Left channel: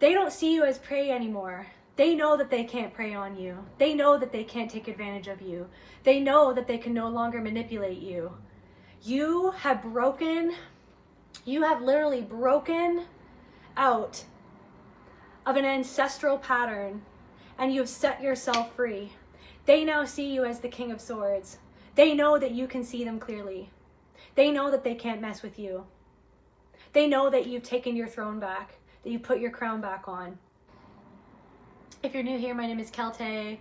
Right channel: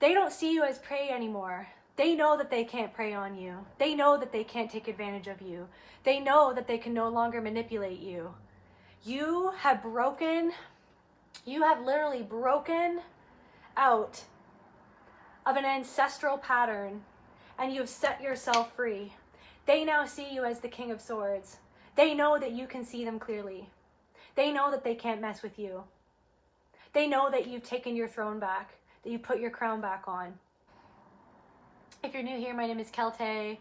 They don't see you as prey anymore. They know that they can't prey on you. They know that they can't take advantage of you. They know that they can no longer manipulate you. You have literally broken out of an ancestral pattern, and you have set yourself free. They now see you as the King of Swords. They know that you can see them clearly. They know that they can't mess with you. They know that you've taken your throne back, that you put your crown back on. If you're new here, my name is Celtae.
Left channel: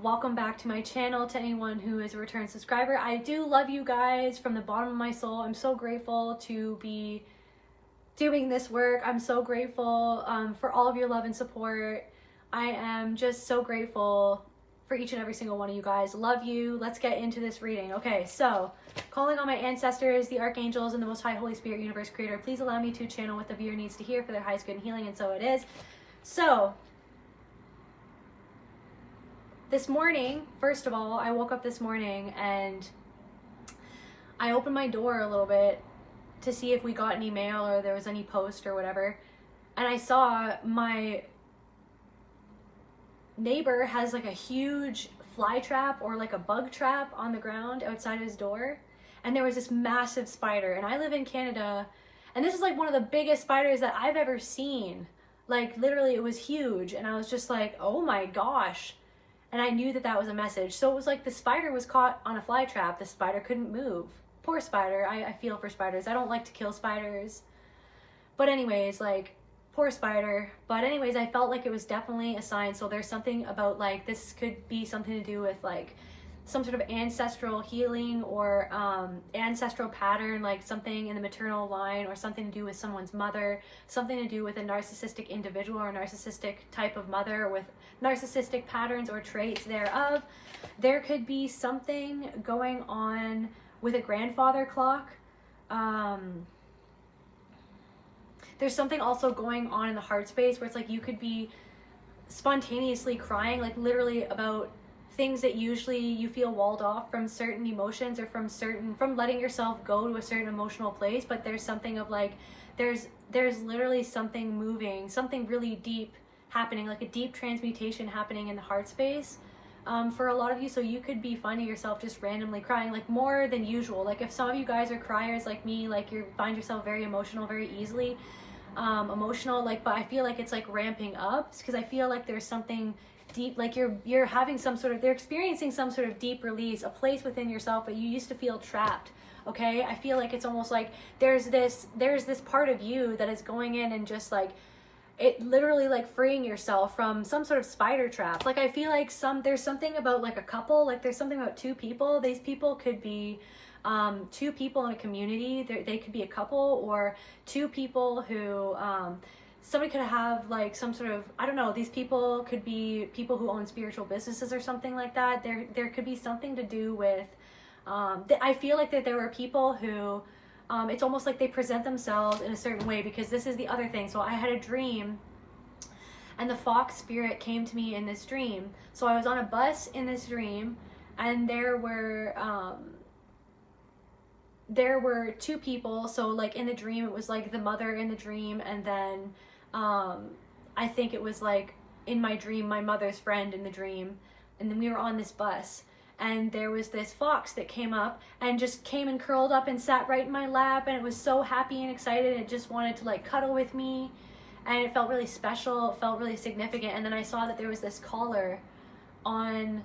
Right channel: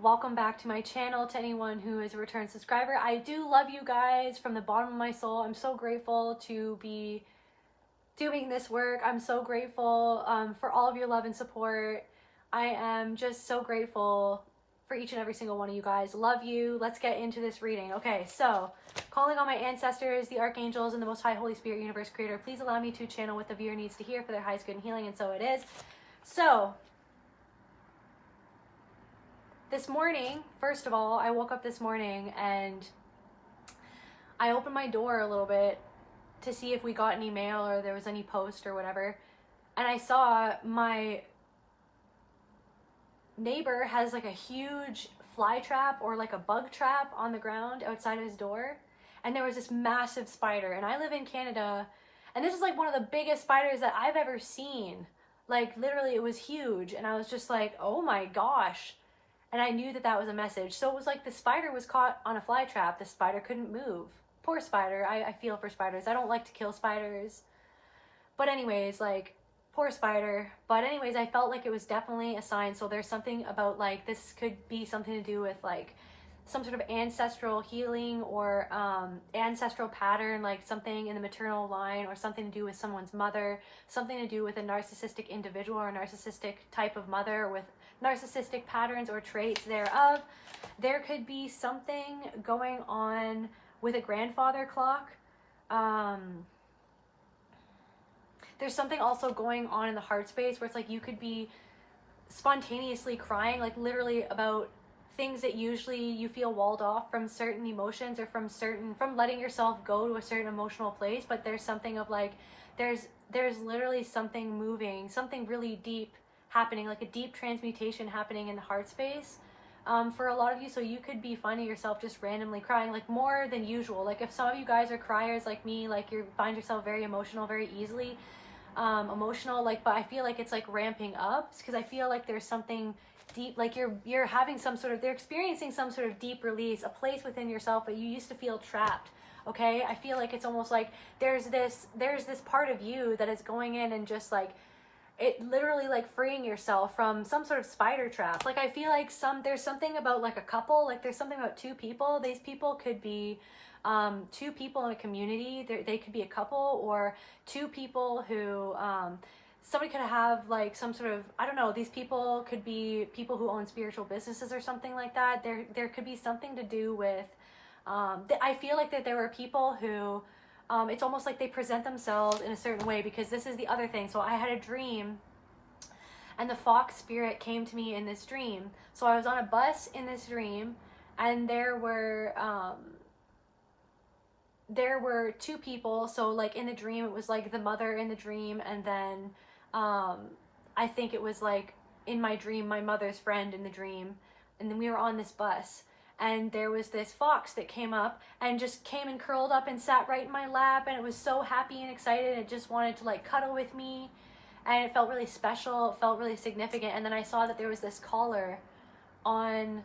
Welcome back to my channel. To anyone who is a return subscriber, I do love you guys from the bottom of my soul. I'm so grateful to be doing this work. I'm so grateful for all of your love and support. I am just so grateful for each and every single one of you guys. Love you. Let's get into this reading. Okay, so calling on my ancestors, the archangels, and the Most High Holy Spirit, Universe Creator, please allow me to channel what the viewer needs to hear for their highest good and healing, and so it is. So this morning, first of all, I woke up this morning and I opened my door a little bit to see if we got any mail or there was any post or whatever. And I saw my neighbor has like a huge fly trap or like a bug trap on the ground outside of his door. And there was this massive spider. And I live in Canada, and this is like one of the biggest spiders that I've ever seen. Like literally it was huge. And I was just like, oh my gosh. And I knew that that was a message. So it was like the spider was caught on a fly trap. The spider couldn't move. Poor spider. I feel for spiders. I don't like to kill spiders. But anyways, like, poor spider. But anyways, I felt like it was definitely a sign. So there's something about like, this could be something to do with like some sort of ancestral healing or ancestral pattern, like something in the maternal line, or something to do with someone's mother, something to do with a narcissistic individual or a narcissistic type of mother with narcissistic patterns or traits thereof. There could be something going on with a grandfather clock. There's something also going on in the heart space where it's like you could be spontaneously crying, like literally about things that usually you feel walled off from certain emotions or from letting yourself go to a certain emotional place. But there's something of like, there's literally something moving, something really deep happening, like a deep transmutation happening in the heart space for a lot of you. So you could be finding yourself just randomly crying, like more than usual. Like if some of you guys are criers like me, like you find yourself very emotional, very easily emotional, like, but I feel like it's like ramping up because I feel like there's something deep, like you're having some sort of, they're experiencing some sort of deep release, a place within yourself that you used to feel trapped. Okay, I feel like it's almost like there's this part of you that is going in and just like it literally like freeing yourself from some sort of spider trap. Like I feel like there's something about like a couple, like there's something about two people. These people could be two people in a community. They could be a couple, or two people who somebody could have like some sort of, I don't know, these people could be people who own spiritual businesses or something like that. There could be something to do with I feel like that there were people who it's almost like they present themselves in a certain way, because this is the other thing. So I had a dream and the fox spirit came to me in this dream. So I was on a bus in this dream, and there were two people. So like in the dream, it was like the mother in the dream, and then I think it was like in my dream, my mother's friend in the dream. And then we were on this bus, and there was this fox that came up and just came and curled up and sat right in my lap, and it was so happy and excited, and it just wanted to like cuddle with me, and it felt really special, it felt really significant. And then I saw that there was this collar on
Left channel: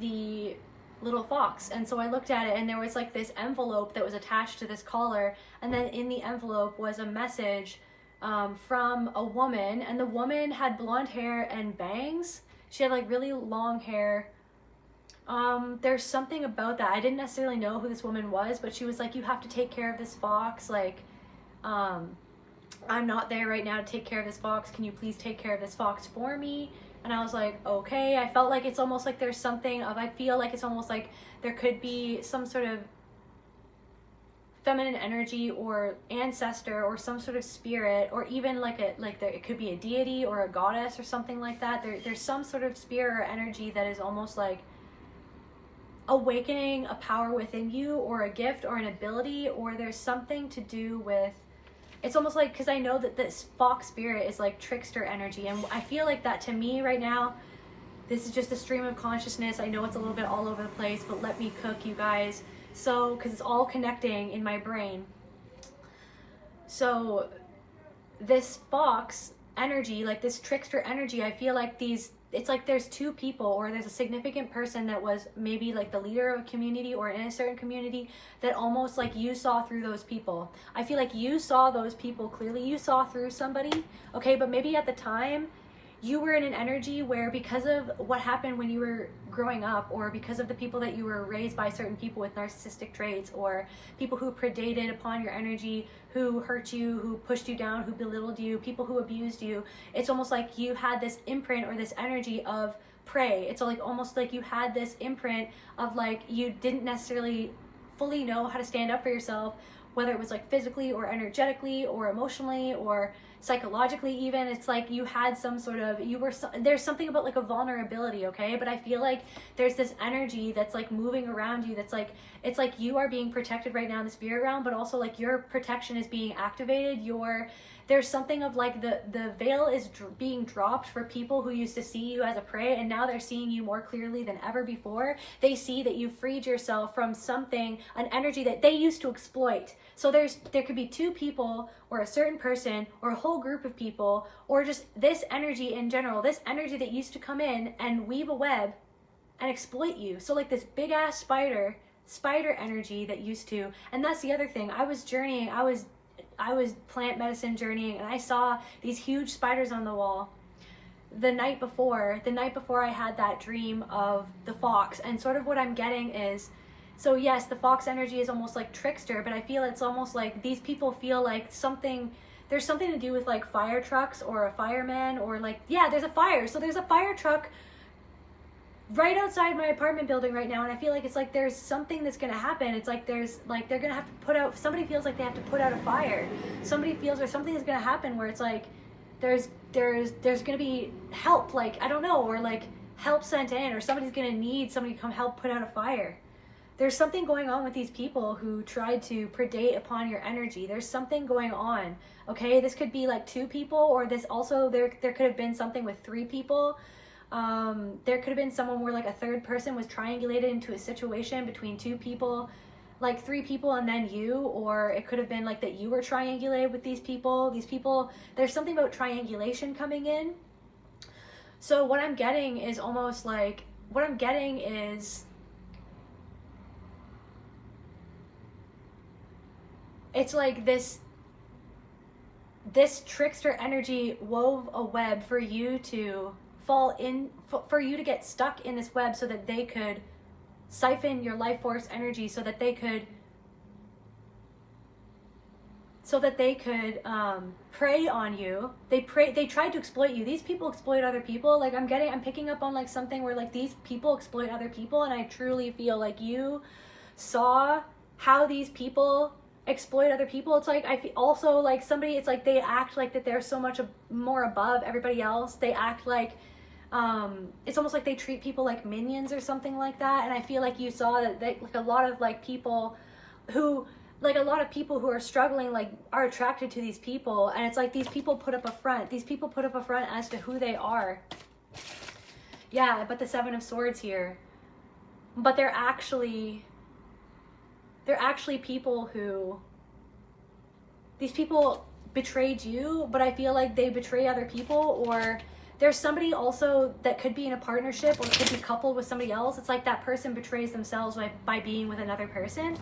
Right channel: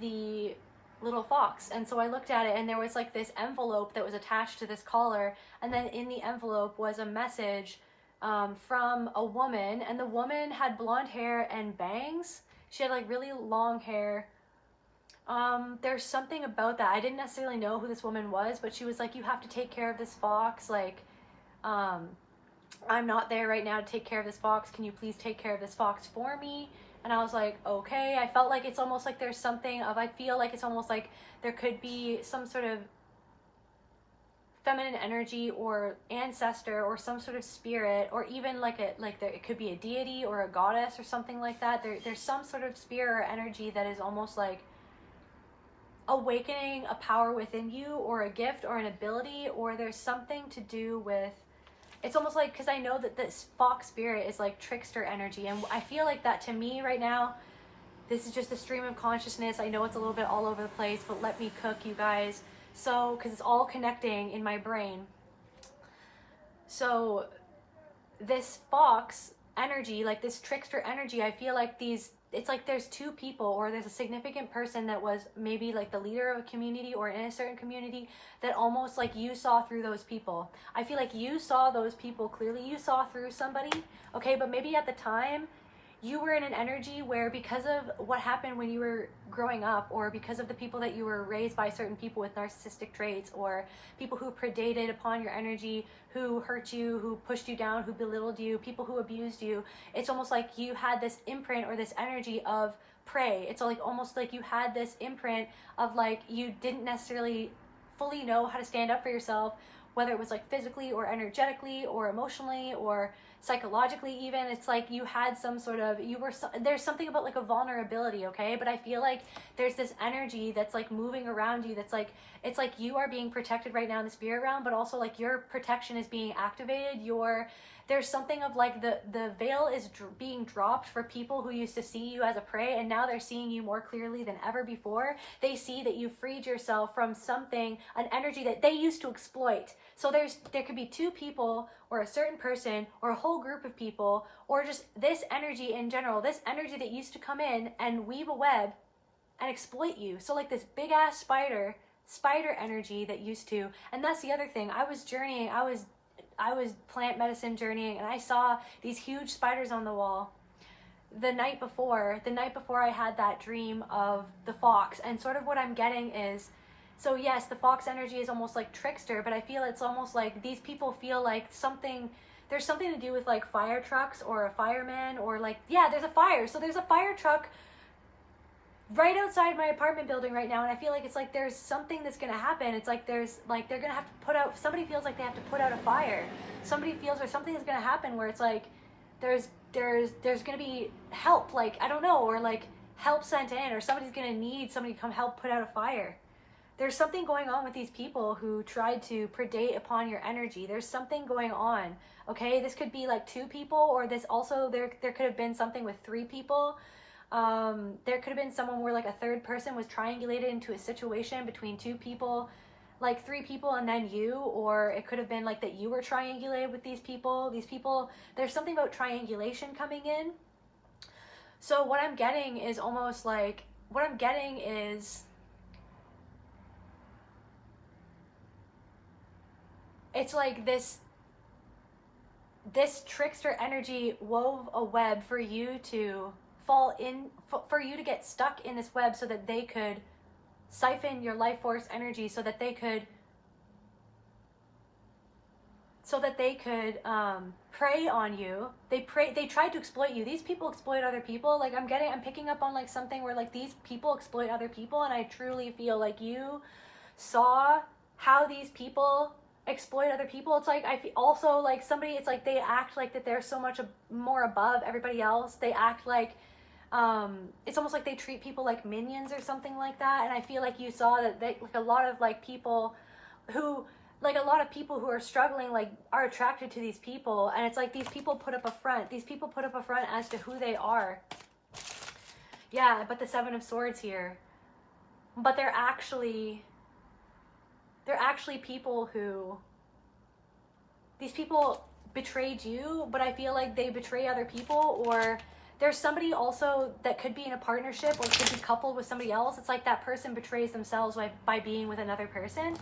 the little fox, and so I looked at it, and there was like this envelope that was attached to this collar, and then in the envelope was a message from a woman, and the woman had blonde hair and bangs. She had like really long hair. There's something about that. I didn't necessarily know who this woman was, but she was like, you have to take care of this fox. Like, I'm not there right now to take care of this fox. Can you please take care of this fox for me? And I was like, okay. I felt like it's almost like there's something of, I feel like it's almost like there could be some sort of feminine energy or ancestor or some sort of spirit, or even like it could be a deity or a goddess or something like that. There's some sort of spirit or energy that is almost like awakening a power within you, or a gift or an ability, or there's something to do with it's almost like, because I know that this fox spirit is like trickster energy, and I feel like that to me right now, this is just a stream of consciousness. I know it's a little bit all over the place, but let me cook, you guys. So, because it's all connecting in my brain. So this fox energy, like this trickster energy, I feel like it's like there's two people, or there's a significant person that was maybe like the leader of a community or in a certain community, that almost like you saw through those people. I feel like you saw those people clearly. You saw through somebody, okay? But maybe at the time you were in an energy where, because of what happened when you were growing up, or because of the people that you were raised by, certain people with narcissistic traits, or people who predated upon your energy, who hurt you, who pushed you down, who belittled you, people who abused you, it's almost like you had this imprint or this energy of prey. It's like almost like you had this imprint of like you didn't necessarily fully know how to stand up for yourself, whether it was like physically or energetically or emotionally or psychologically even. It's like you had some sort of, there's something about like a vulnerability, okay? But I feel like there's this energy that's like moving around you, that's like, it's like you are being protected right now in the spirit realm, but also like your protection is being activated. There's something of like the veil is being dropped for people who used to see you as a prey, and now they're seeing you more clearly than ever before. They see that you freed yourself from something, an energy that they used to exploit. So there could be two people, or a certain person, or a whole group of people, or just this energy in general, this energy that used to come in and weave a web and exploit you. So like this big ass spider energy that used to, and that's the other thing. I was journeying, I was plant medicine journeying, and I saw these huge spiders on the wall the night before I had that dream of the fox. And sort of what I'm getting is, so yes, the fox energy is almost like trickster, but I feel it's almost like these people feel like there's something to do with like fire trucks or a fireman, or like, yeah, there's a fire. So there's a fire truck right outside my apartment building right now, and I feel like it's like there's something that's gonna happen. It's like there's like they're gonna have to put out, somebody feels like they have to put out a fire. Somebody feels, or something is gonna happen where it's like there's gonna be help, like, I don't know, or like help sent in, or somebody's gonna need somebody to come help put out a fire. There's something going on with these people who tried to predate upon your energy. There's something going on, okay? This could be like two people, or this also, there could have been something with three people. There could have been someone where like a third person was triangulated into a situation between two people, like three people and then you, or it could have been like that you were triangulated with these people. There's something about triangulation coming in. So what I'm getting is almost like, it's like this trickster energy wove a web for you to fall in, for you to get stuck in this web, so that they could siphon your life force energy, so that they could prey on you. They tried to exploit you. These people exploit other people. Like I'm picking up on like something where like these people exploit other people, and I truly feel like you saw how these people exploit other people. It's like I feel also like somebody, it's like they act like that they're so much more above everybody else. They act like it's almost like they treat people like minions or something like that. And I feel like you saw that like a lot of people who are struggling like are attracted to these people, and it's like these people put up a front as to who they are. Yeah, but the Seven of Swords here, but they're actually people who, these people betrayed you, but I feel like they betray other people, or there's somebody also that could be in a partnership or could be coupled with somebody else. It's like that person betrays themselves by being with another person.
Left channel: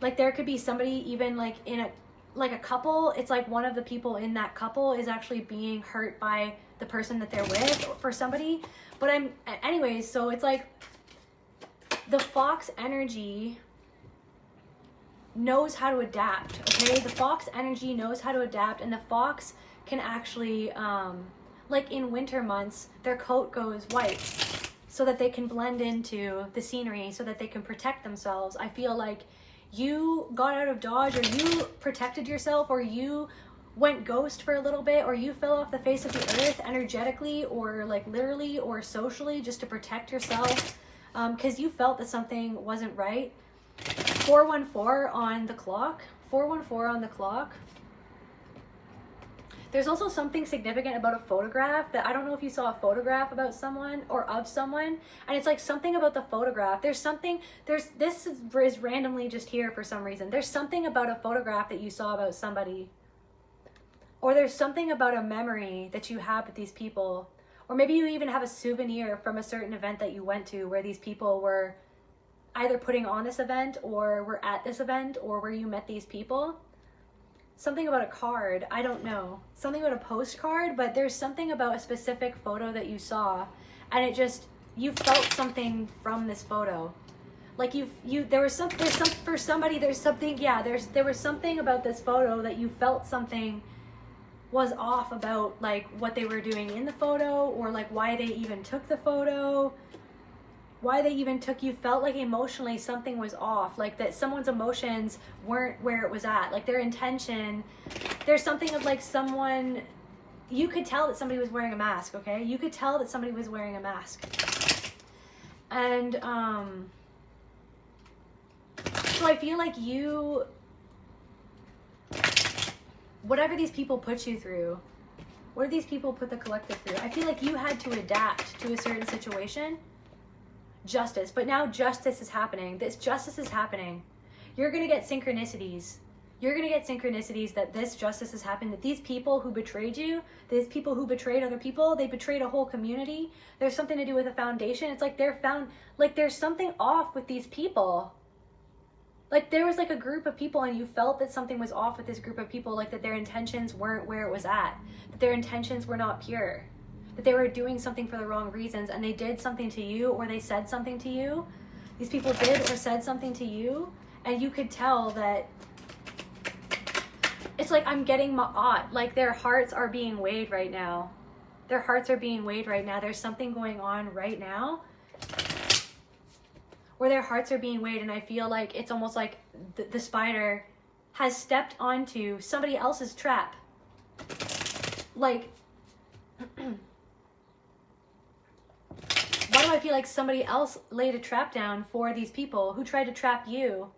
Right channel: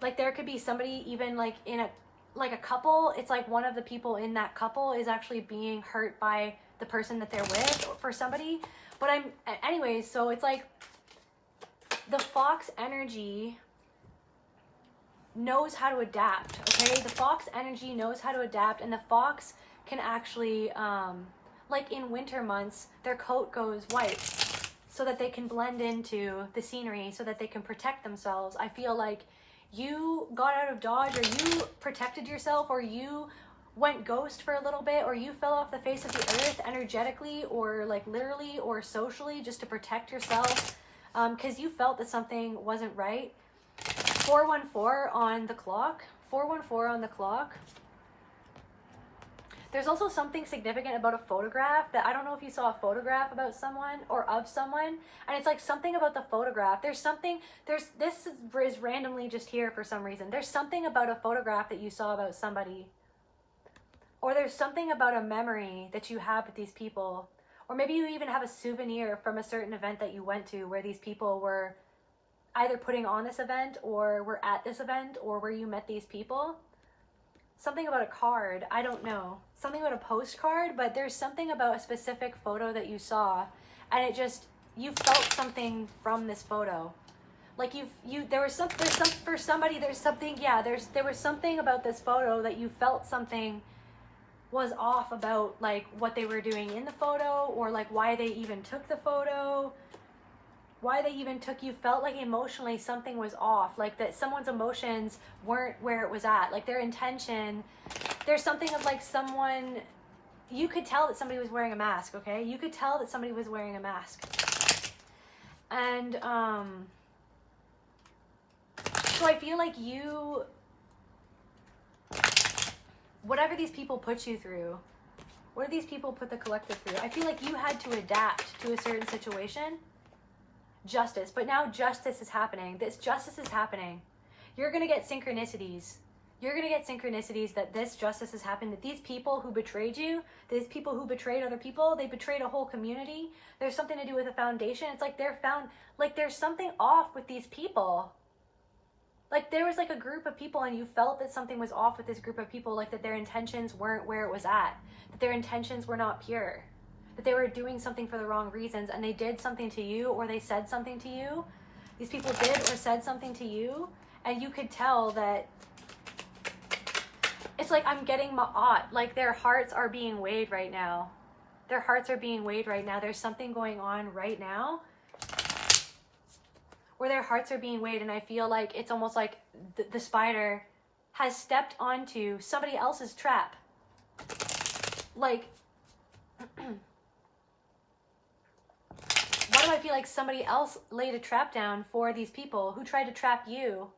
Like there could be somebody even like in a couple, it's like one of the people in that couple is actually being hurt by the person that they're with for somebody. But anyways, so it's like the fox energy knows how to adapt, okay? The fox energy knows how to adapt, and the fox can actually, like in winter months, their coat goes white so that they can blend into the scenery, so that they can protect themselves. I feel like you got out of dodge, or you protected yourself, or you went ghost for a little bit, or you fell off the face of the earth energetically, or like literally or socially, just to protect yourself, because you felt that something wasn't right. 414 on the clock. 414 on the clock. There's also something significant about a photograph that I don't know if you saw a photograph about someone or of someone, and it's like something about the photograph. This is randomly just here for some reason. There's something about a photograph that you saw about somebody, or there's something about a memory that you have with these people, or maybe you even have a souvenir from a certain event that you went to where these people were either putting on this event or were at this event or where you met these people. Something about a card, I don't know. Something about a postcard, but there's something about a specific photo that you saw, and it just, you felt something from this photo. Like there was something about this photo that you felt something was off about, like what they were doing in the photo, or like why they even took the photo. You felt like emotionally something was off, like that someone's emotions weren't where it was at, like their intention. There's something of like someone, you could tell that somebody was wearing a mask, okay? You could tell that somebody was wearing a mask. And so I feel like you, whatever these people put you through, what do these people put the collective through? I feel like you had to adapt to a certain situation. Justice, but now justice is happening. This justice is happening. You're gonna get synchronicities. You're gonna get synchronicities that this justice has happened, that these people who betrayed you, these people who betrayed other people, they betrayed a whole community. There's something to do with a foundation. It's like there's something off with these people. Like there was like a group of people and you felt that something was off with this group of people, like that their intentions weren't where it was at, that their intentions were not pure, that they were doing something for the wrong reasons, and they did something to you, or they said something to you. These people did or said something to you, and you could tell that it's like, I'm getting like their hearts are being weighed right now. Their hearts are being weighed right now. There's something going on right now where their hearts are being weighed, and I feel like it's almost like the spider has stepped onto somebody else's trap. Like, why do I feel like somebody else laid a trap down for these people who tried to trap you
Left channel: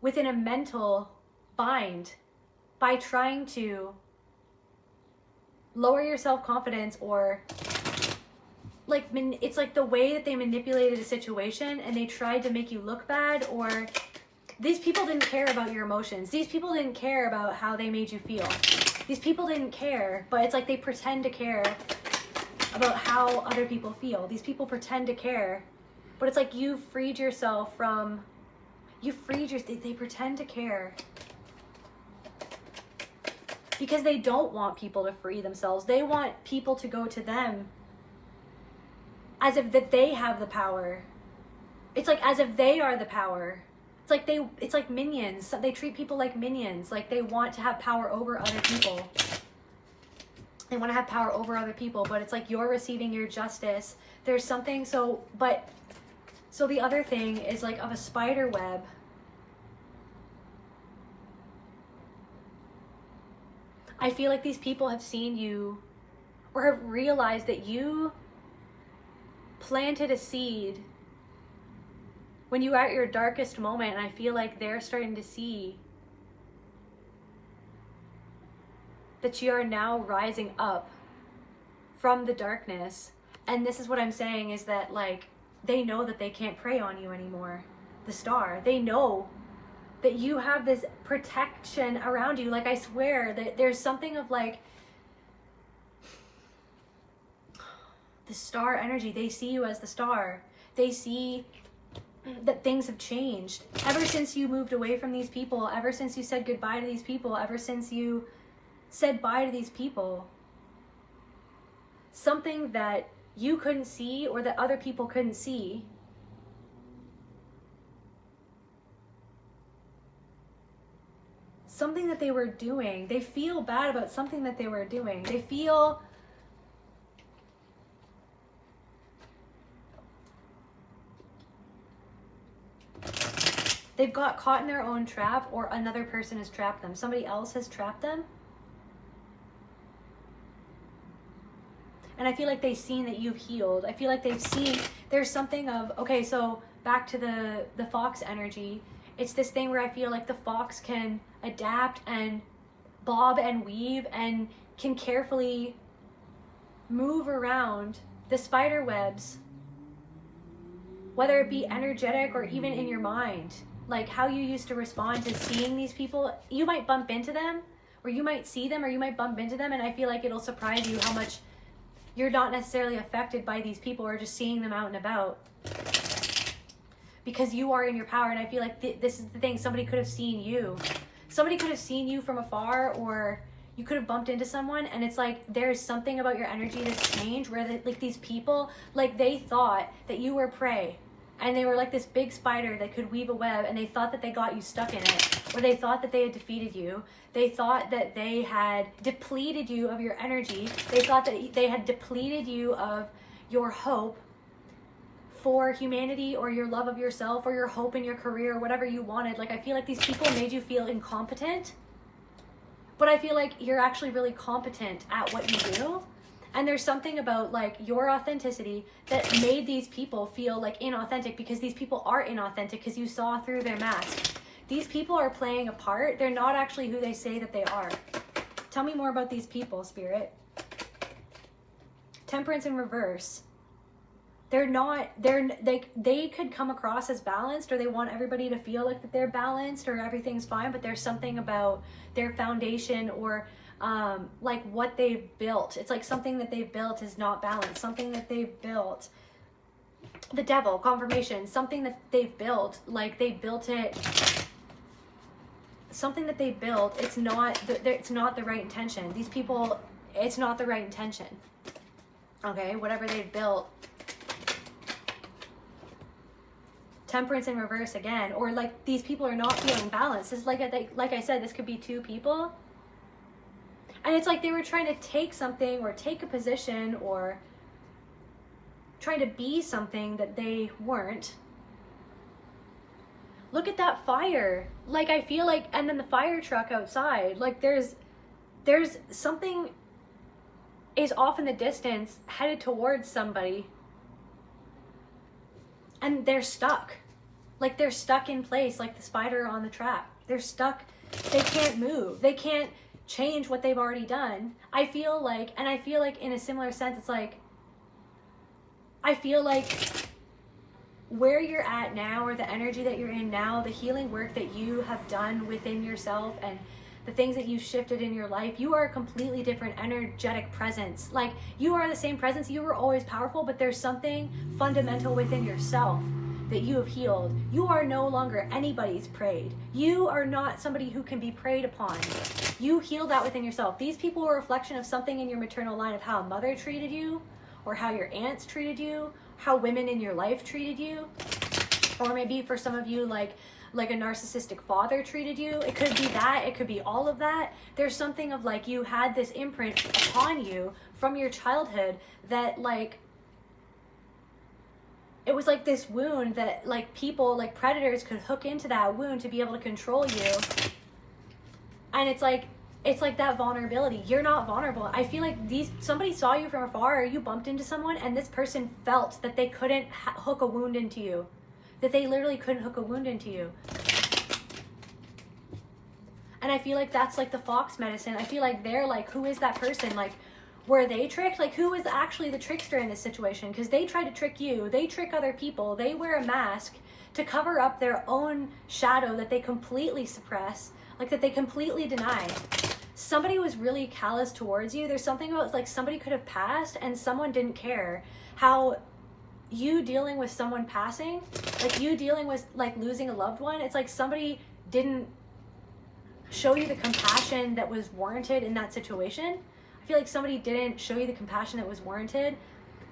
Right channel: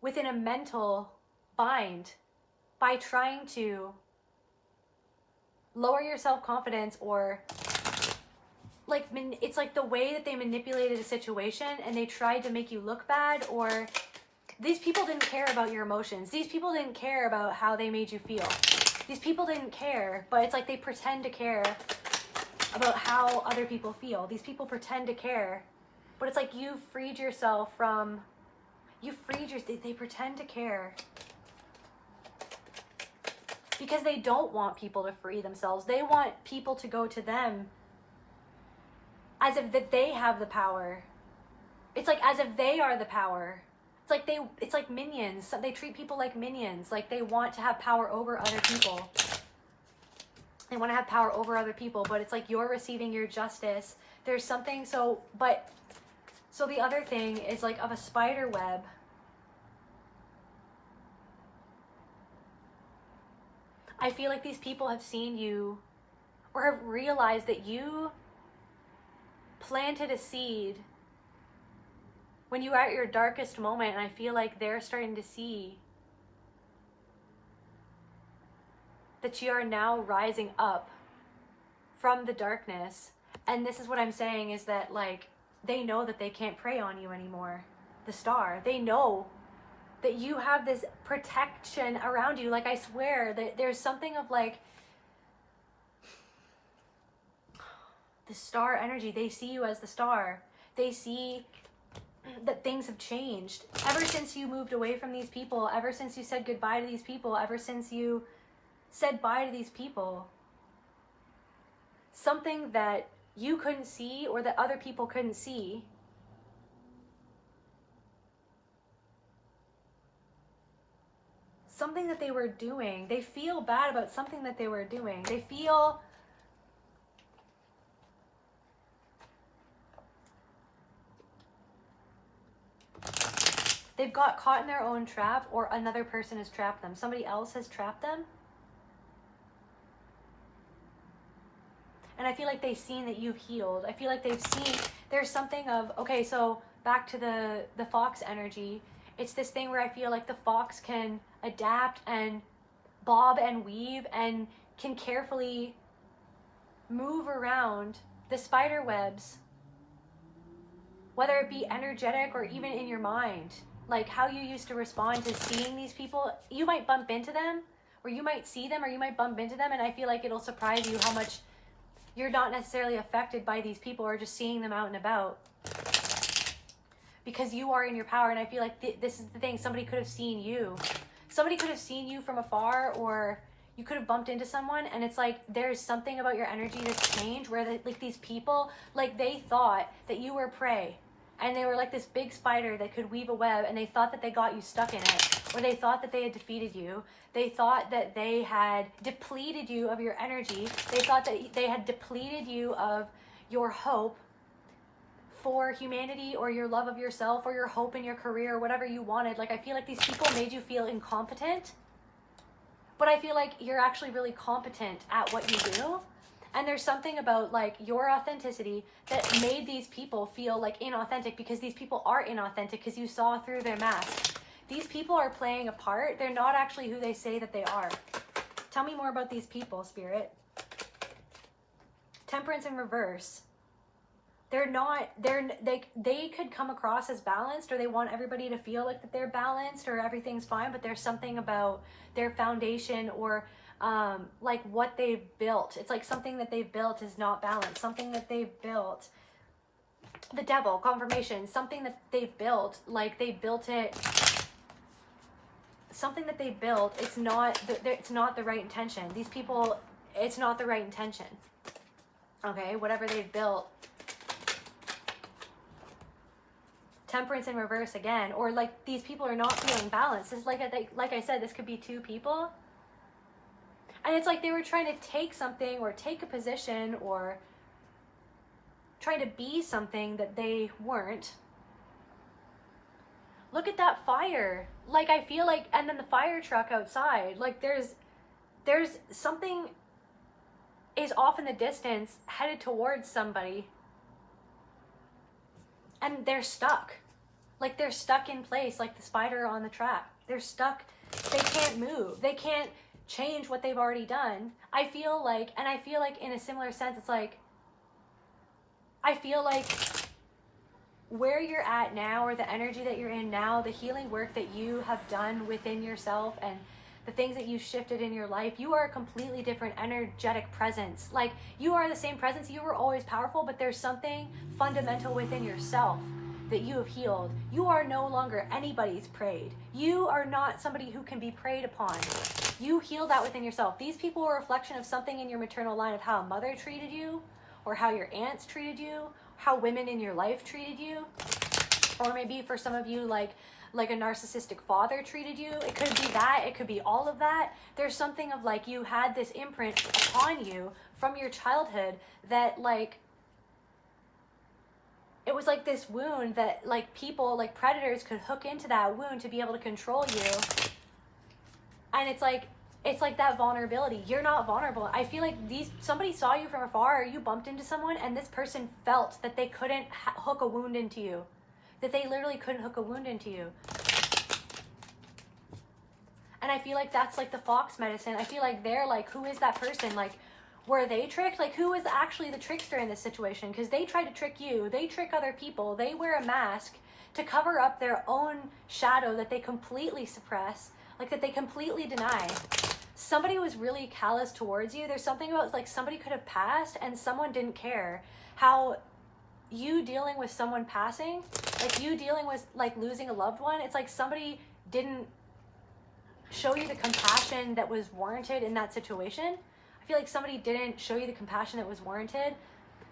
within a mental bind by trying to lower your self-confidence, or like it's like the way that they manipulated a situation and they tried to make you look bad, or these people didn't care about your emotions. These people didn't care about how they made you feel. These people didn't care, but it's like they pretend to care about how other people feel. These people pretend to care, but it's like you freed yourself from, they pretend to care because they don't want people to free themselves. They want people to go to them as if that they have the power. It's like as if they are the power. It's like minions. They treat people like minions. Like they want to have power over other people. They want to have power over other people, but it's like you're receiving your justice. There's something, so the other thing is like of a spider web. I feel like these people have seen you, or have realized that you planted a seed when you were at your darkest moment, and I feel like they're starting to see that you are now rising up from the darkness. And this is what I'm saying, is that like they know that they can't prey on you anymore. The star, they know that you have this protection around you. Like I swear that there's something of like the star energy. They see you as the star. They see that things have changed ever since you moved away from these people, ever since you said goodbye to these people, ever since you said bye to these people. Something that you couldn't see, or that other people couldn't see, something that they were doing. They feel bad about something that they were doing. They feel they've got caught in their own trap, or another person has trapped them. Somebody else has trapped them. And I feel like they've seen that you've healed. I feel like they've seen, there's something of, okay, so back to the fox energy. It's this thing where I feel like the fox can adapt and bob and weave and can carefully move around the spider webs, whether it be energetic or even in your mind. Like how you used to respond to seeing these people. You might bump into them, or you might see them, or you might bump into them, and I feel like it'll surprise you how much you're not necessarily affected by these people or just seeing them out and about. Because you are in your power, and I feel like this is the thing. Somebody could have seen you. Somebody could have seen you from afar, or you could have bumped into someone, and it's like there's something about your energy that's changed where like these people, like they thought that you were prey, and they were like this big spider that could weave a web, and they thought that they got you stuck in it, or they thought that they had defeated you. They thought that they had depleted you of your energy. They thought that they had depleted you of your hope for humanity, or your love of yourself, or your hope in your career, or whatever you wanted. Like I feel like these people made you feel incompetent, but I feel like you're actually really competent at what you do. And there's something about like your authenticity that made these people feel like inauthentic, because these people are inauthentic because you saw through their mask. These people are playing a part. They're not actually who they say that they are. Tell me more about these people, Spirit. Temperance in reverse. They could come across as balanced, or they want everybody to feel like that they're balanced or everything's fine, but there's something about their foundation, or like what they've built. It's like something that they've built is not balanced. Something that they've built, the devil, confirmation, something that they've built, like they built it, something that they built, it's not the right intention. These people, it's not the right intention. Okay, whatever they've built. Temperance in reverse again, or like these people are not feeling balanced. It's like I said, this could be two people, and it's like they were trying to take something or take a position or trying to be something that they weren't. Look at that fire. Like I feel like, and then the fire truck outside, like there's something is off in the distance headed towards somebody, and they're stuck. Like they're stuck in place, like the spider on the trap. They're stuck. They can't move. They can't change what they've already done. I feel like in a similar sense, it's like, I feel like where you're at now, or the energy that you're in now, the healing work that you have done within yourself, and the things that you've shifted in your life, you are a completely different energetic presence. Like you are the same presence. You were always powerful, but there's something fundamental within yourself that you have healed. You are no longer anybody's preyed. You are not somebody who can be preyed upon. You healed that within yourself. These people were a reflection of something in your maternal line, of how a mother treated you, or how your aunts treated you, how women in your life treated you, or maybe for some of you, like a narcissistic father treated you. It could be that, it could be all of that. There's something of like you had this imprint upon you from your childhood that like, it was like this wound that like people, like predators could hook into that wound to be able to control you. And it's like that vulnerability. You're not vulnerable. I feel like somebody saw you from afar, or you bumped into someone, and this person felt that they couldn't hook a wound into you. That they literally couldn't hook a wound into you. And I feel like that's like the fox medicine. I feel like they're like, who is that person? Like, were they tricked? Like, who is actually the trickster in this situation? Because they try to trick you. They trick other people. They wear a mask to cover up their own shadow that they completely suppress, like that they completely deny. Somebody was really callous towards you. There's something about like somebody could have passed and someone didn't care. How you dealing with someone passing, like you dealing with like losing a loved one, it's like somebody didn't show you the compassion that was warranted in that situation. I feel like somebody didn't show you the compassion that was warranted.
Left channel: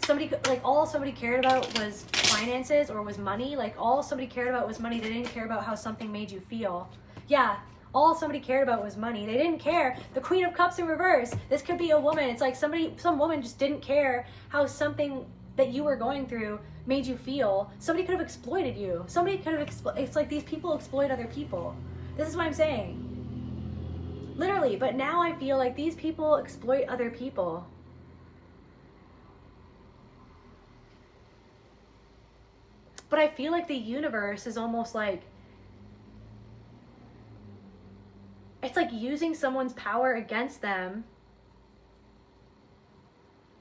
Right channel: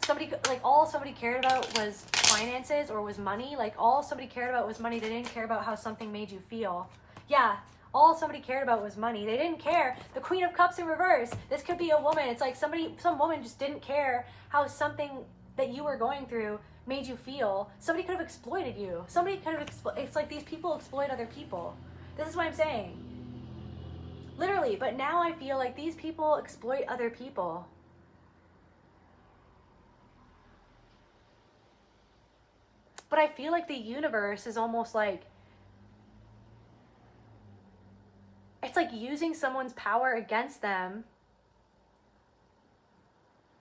Somebody, like all somebody cared about was finances or was money. Like all somebody cared about was money. They didn't care about how something made you feel. Yeah, all somebody cared about was money. They didn't care. The Queen of Cups in reverse. This could be a woman. It's like some woman just didn't care how something that you were going through made you feel. Somebody could have exploited you. Somebody could have it's like these people exploit other people. This is what I'm saying. Literally, but now I feel like these people exploit other people. But I feel like the universe is almost like it's like using someone's power against them,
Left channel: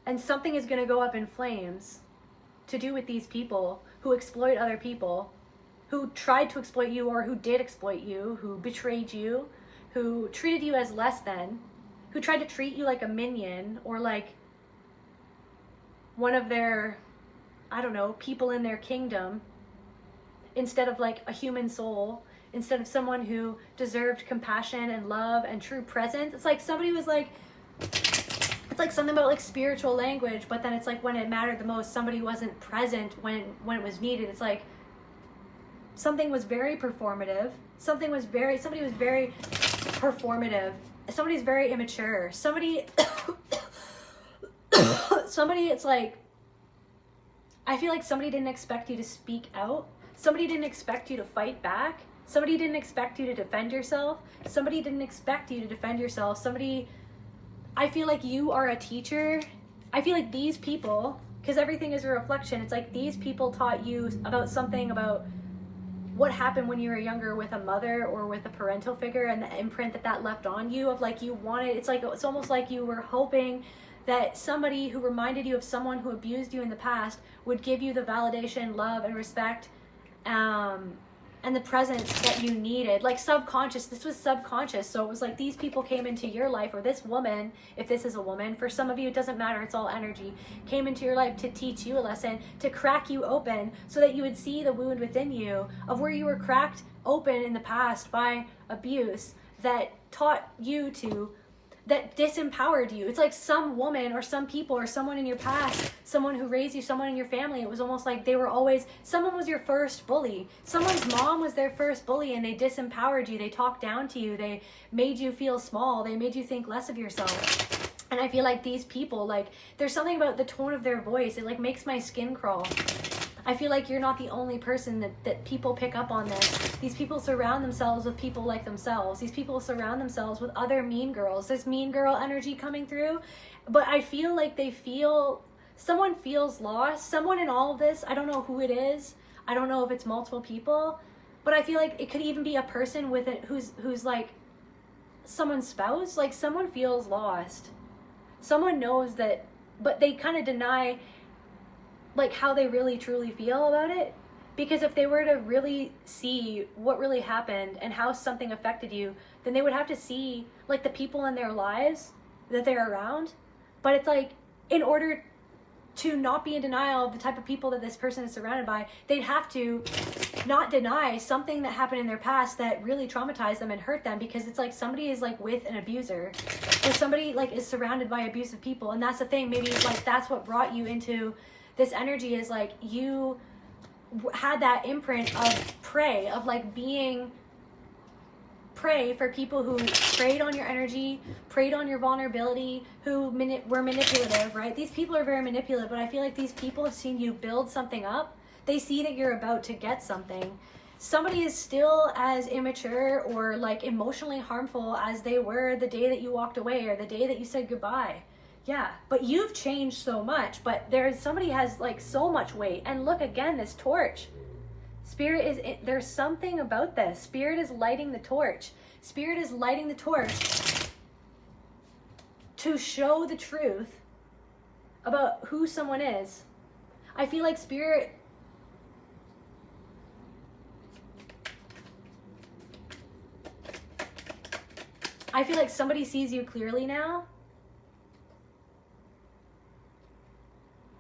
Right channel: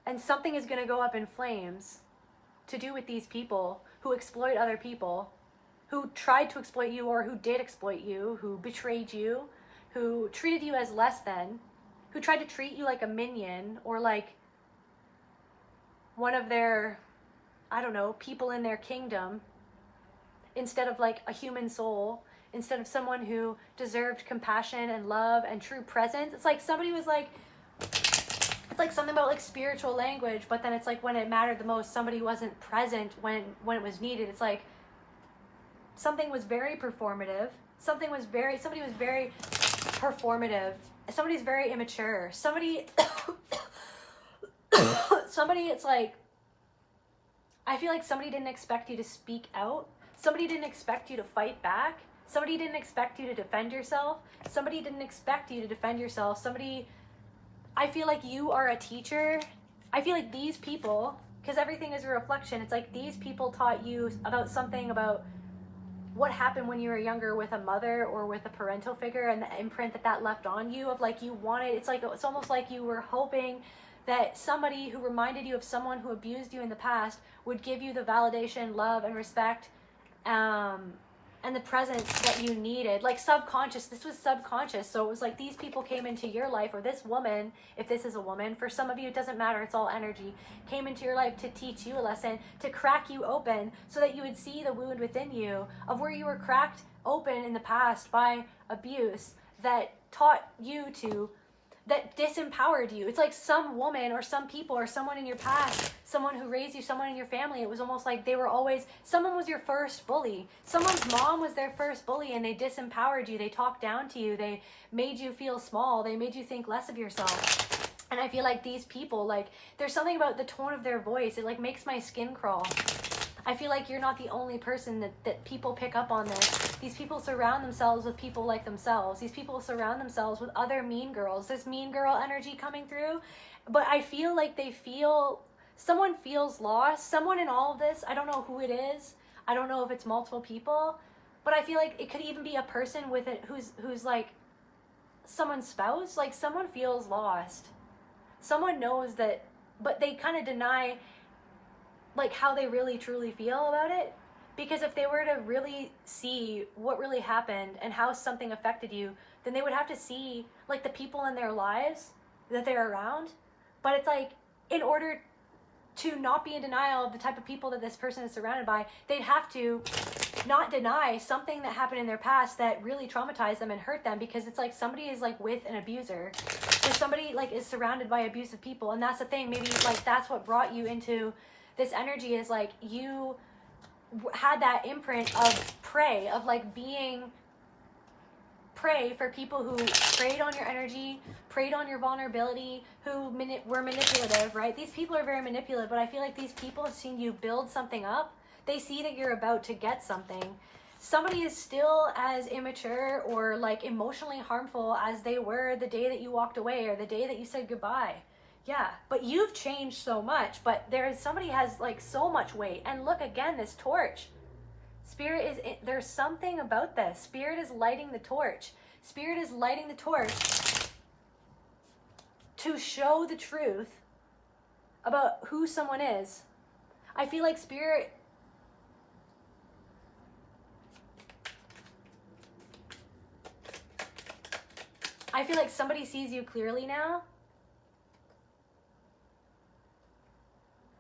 and something is going to go up in flames to do with these people who exploit other people, who tried to exploit you or who did exploit you, who betrayed you, who treated you as less than, who tried to treat you like a minion or like one of their, I don't know, people in their kingdom, instead of like a human soul, instead of someone who deserved compassion and love and true presence. It's like somebody was like, it's like something about like spiritual language, but then it's like when it mattered the most, somebody wasn't present when it was needed. It's like something was very performative. Somebody was very performative. Somebody's very immature. Somebody, it's like, I feel like somebody didn't expect you to speak out. Somebody didn't expect you to fight back. Somebody didn't expect you to defend yourself. Somebody didn't expect you to defend yourself. I feel like you are a teacher. I feel like these people, because everything is a reflection, it's like these people taught you about something about what happened when you were younger with a mother or with a parental figure, and the imprint that left on you of like you wanted, it's almost like you were hoping that somebody who reminded you of someone who abused you in the past would give you the validation, love, and respect, and the presence that you needed. Like subconscious, this was subconscious. So it was like these people came into your life, or this woman, if this is a woman, for some of you it doesn't matter, it's all energy, came into your life to teach you a lesson, to crack you open so that you would see the wound within you of where you were cracked open in the past by abuse that taught you to, that disempowered you. It's like some woman or some people or someone in your past, someone who raised you, someone in your family, it was almost like they were always, someone was your first bully. Someone's mom was their first bully, and they disempowered you. They talked down to you. They made you feel small. They made you think less of yourself. And I feel like these people, like, there's something about the tone of their voice. It like makes my skin crawl. I feel like you're not the only person that people pick up on this. These people surround themselves with people like themselves. These people surround themselves with other mean girls. There's mean girl energy coming through. But I feel like someone feels lost. Someone in all of this, I don't know who it is. I don't know if it's multiple people. But I feel like it could even be a person with it who's like someone's spouse. Like someone feels lost. Someone knows that, but they kind of deny like how they really truly feel about it. Because if they were to really see what really happened and how something affected you, then they would have to see like the people in their lives that they're around. But it's like, in order to not be in denial of the type of people that this person is surrounded by, they'd have to not deny something that happened in their past that really traumatized them and hurt them. Because it's like somebody is like with an abuser, or somebody like is surrounded by abusive people. And that's the thing, maybe like that's what brought you into this energy, is like you had that imprint of prey, of like being prey for people who preyed on your energy, preyed on your vulnerability, who were manipulative, right? These people are very manipulative, but I feel like these people have seen you build something up. They see that you're about to get something. Somebody is still as immature or like emotionally harmful as they were the day that you walked away or the day that you said goodbye. Yeah, but you've changed so much, but somebody has like so much weight. And look again, this torch. Spirit there's something about this. Spirit is lighting the torch. Spirit is lighting the torch to show the truth about who someone is. I feel like Spirit, I feel like somebody sees you clearly now.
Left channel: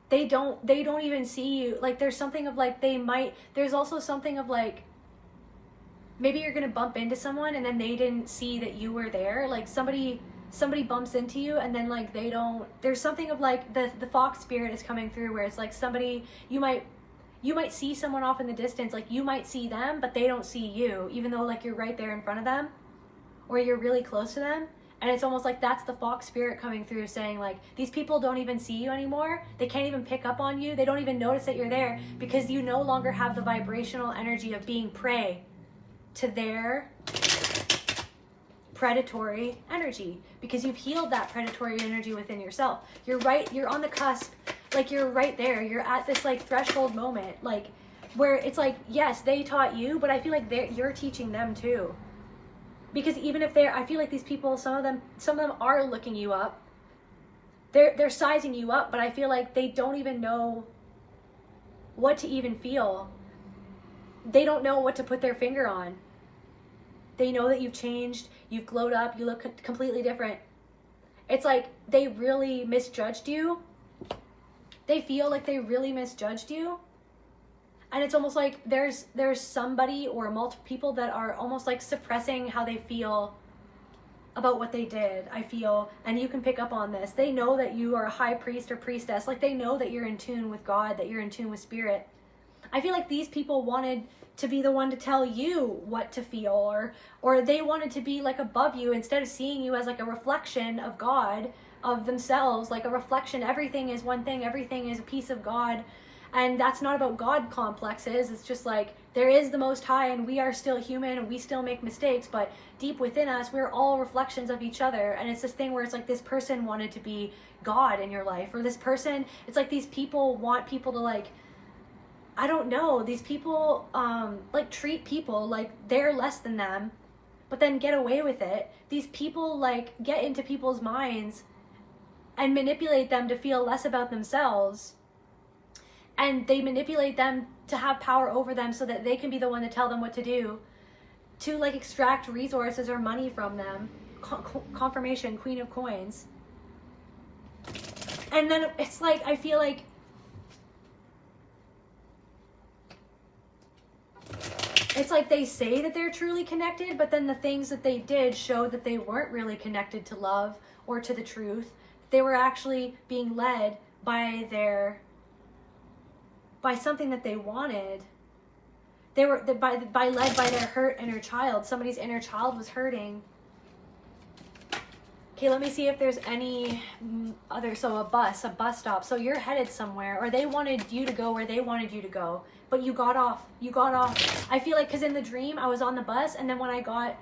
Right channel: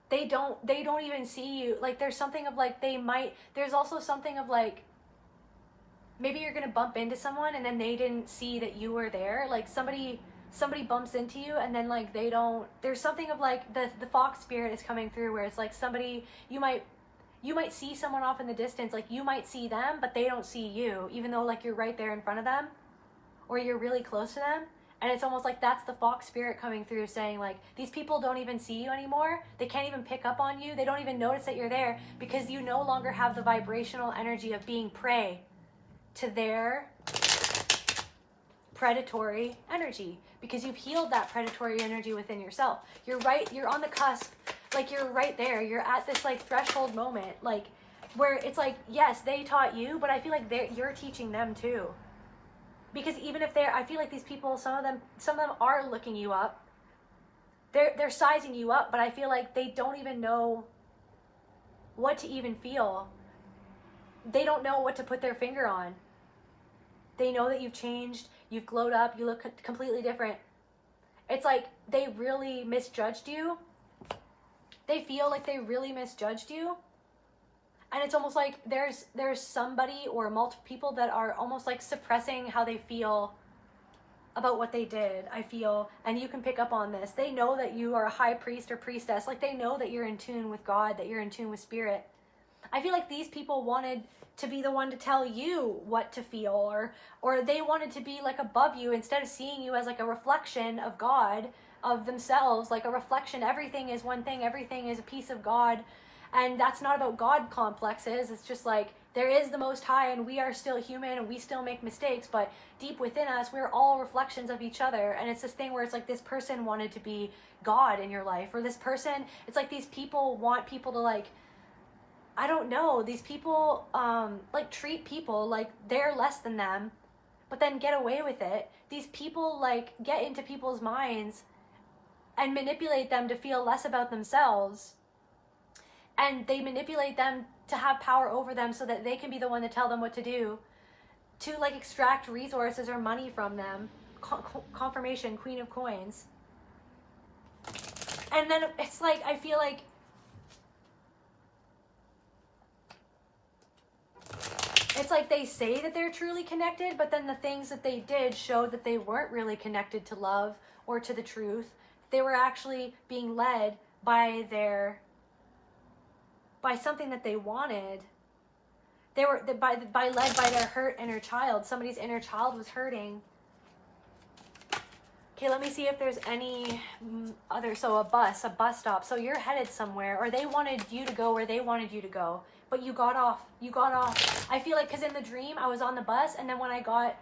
They don't even see you. Like there's something of like there's also something of like maybe you're gonna bump into someone and then they didn't see that you were there. Like somebody bumps into you and then like there's something of like the fox spirit is coming through, where it's like somebody, you might see someone off in the distance, like you might see them but they don't see you, even though like you're right there in front of them or you're really close to them. And it's almost like that's the fox spirit coming through, saying like, these people don't even see you anymore. They can't even pick up on you. They don't even notice that you're there, because you no longer have the vibrational energy of being prey to their predatory energy, because you've healed that predatory energy within yourself. You're on the cusp, like you're right there. You're at this like threshold moment, like where it's like, yes, they taught you, but I feel like you're teaching them too. Because even if I feel like these people, some of them are looking you up. They're sizing you up, but I feel like they don't even know what to even feel. They don't know what to put their finger on. They know that you've changed, you've glowed up, you look completely different. It's like they really misjudged you. They feel like they really misjudged you. And it's almost like there's somebody or multiple people that are almost like suppressing how they feel about what they did, I feel. And you can pick up on this. They know that you are a high priest or priestess. Like they know that you're in tune with God, that you're in tune with spirit. I feel like these people wanted to be the one to tell you what to feel, or they wanted to be like above you instead of seeing you as like a reflection of God, of themselves, like a reflection. Everything is one thing, everything is a piece of God. And that's not about God complexes. It's just like there is the Most High and we are still human and we still make mistakes, but deep within us, we're all reflections of each other. And it's this thing where it's like this person wanted to be God in your life, or this person, it's like these people want people to like, I don't know, these people like treat people like they're less than them, but then get away with it. These people like get into people's minds and manipulate them to feel less about themselves. And they manipulate them to have power over them so that they can be the one to tell them what to do, to like extract resources or money from them. Confirmation, Queen of Coins. And then it's like, I feel like it's like they say that they're truly connected, but then the things that they did showed that they weren't really connected to love or to the truth. They were actually being led by something that they wanted. They were led by their hurt inner child. Somebody's inner child was hurting. Okay, let me see if there's any other. So a bus stop. So you're headed somewhere, or they wanted you to go where they wanted you to go, but you got off. I feel like, because in the dream I was on the bus, and then when I got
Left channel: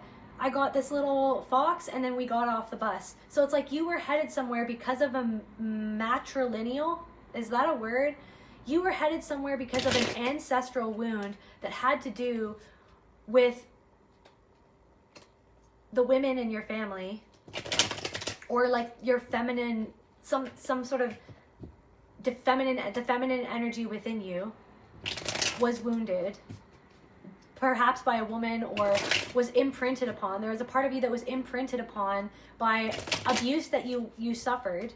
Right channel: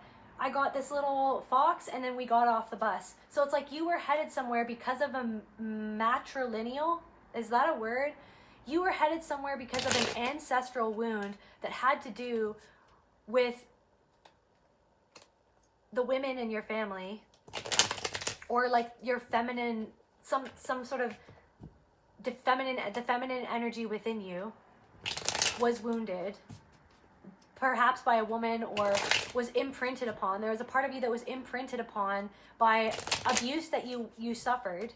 this little fox, and then we got off the bus. So it's like you were headed somewhere because of a matrilineal. Is that a word? You were headed somewhere because of an ancestral wound that had to do with the women in your family, or like your feminine, some sort of the feminine energy within you was wounded, perhaps by a woman, or was imprinted upon. There was a part of you that was imprinted upon by abuse that you suffered,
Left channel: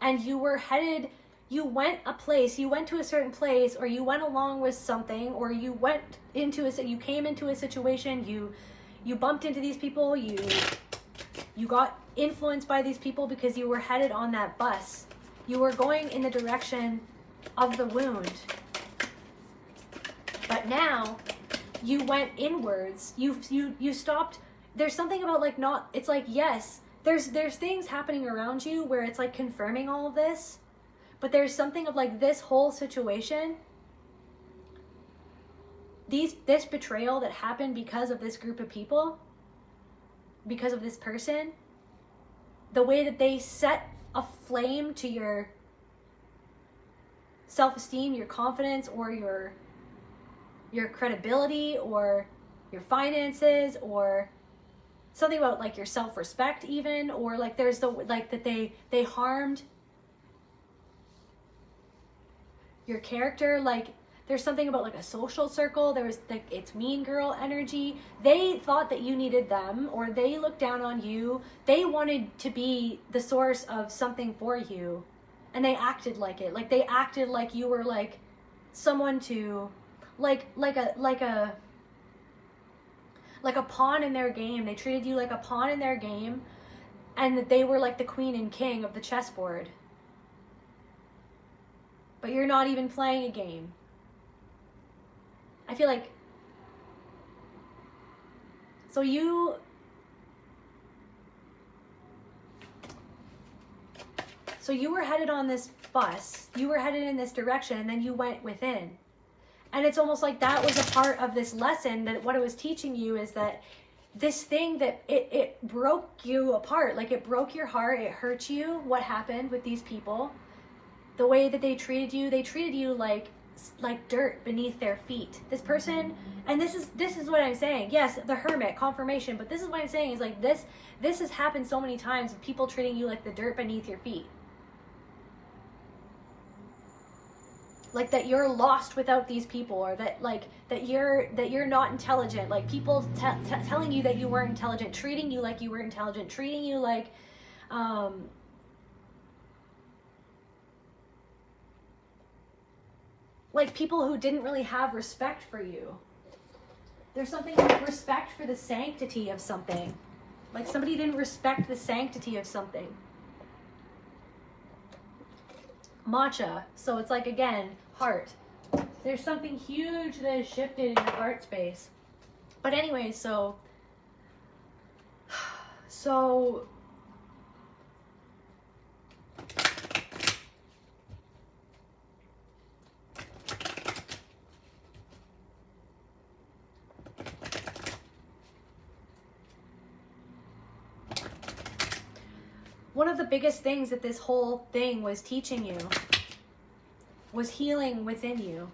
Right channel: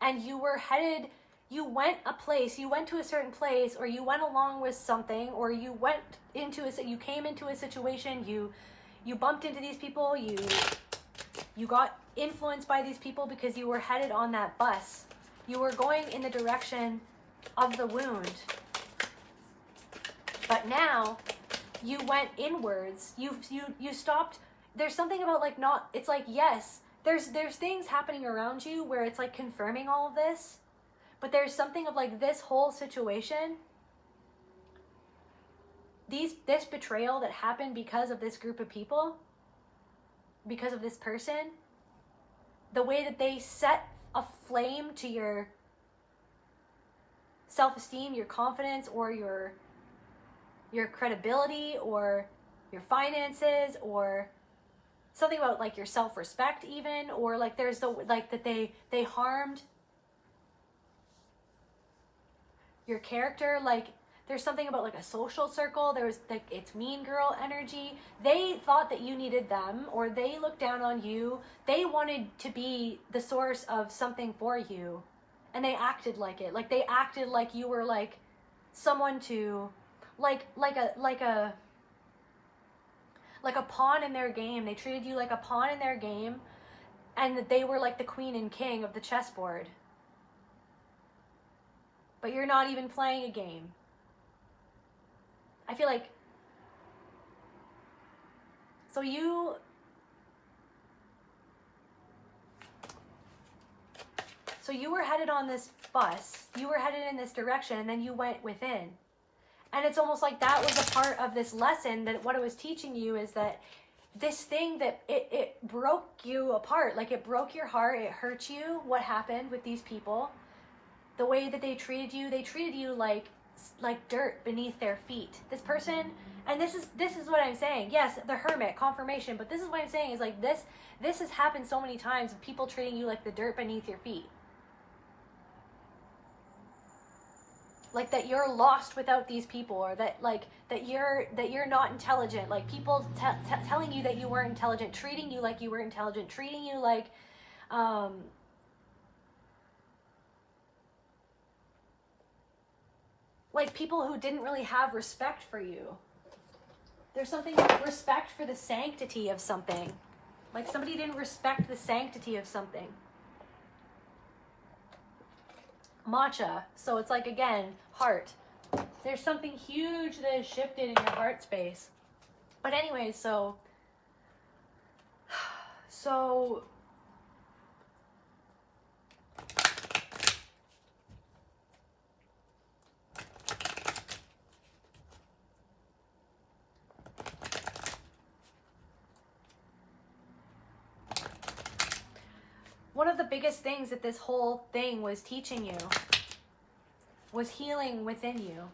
and you were headed. You went to a certain place, or you went along with something, or you you came into a situation, you bumped into these people, you got influenced by these people because you were headed on that bus. You were going in the direction of the wound. But now you went inwards. You stopped. There's something about like not, it's like, yes, there's things happening around you where it's like confirming all of this. But there's something of like this whole situation, this betrayal that happened because of this group of people, because of this person, the way that they set a flame to your self-esteem, your confidence, or your credibility, or your finances, or something about like your self-respect even, or like there's the like that they harmed your character. Like there's something about like a social circle. There's like, it's mean girl energy. They thought that you needed them, or they looked down on you. They wanted to be the source of something for you, and they acted like it. Like they acted like you were like someone to like a pawn in their game. They treated you like a pawn in their game, and that they were like the queen and king of the chessboard. But you're not even playing a game. I feel like, so you were headed on this bus, you were headed in this direction, and then you went within. And it's almost like that was a part of this lesson, that what it was teaching you is that this thing that it broke you apart. Like it broke your heart, it hurt you, what happened with these people. The way that they treated you like like dirt beneath their feet. This person, and this is what I'm saying. Yes, the hermit, confirmation, but this is what I'm saying is like this has happened so many times of people treating you like the dirt beneath your feet. Like that you're lost without these people, or that like that you're not intelligent. Like people telling you that you weren't intelligent, treating you like you were intelligent, treating you like people who didn't really have respect for you. There's something like respect for the sanctity of something. Like somebody didn't respect the sanctity of something. Matcha. So it's like, again, heart. There's something huge that has shifted in your heart space. But anyway, so one of the biggest things that this whole thing was teaching you was healing within you.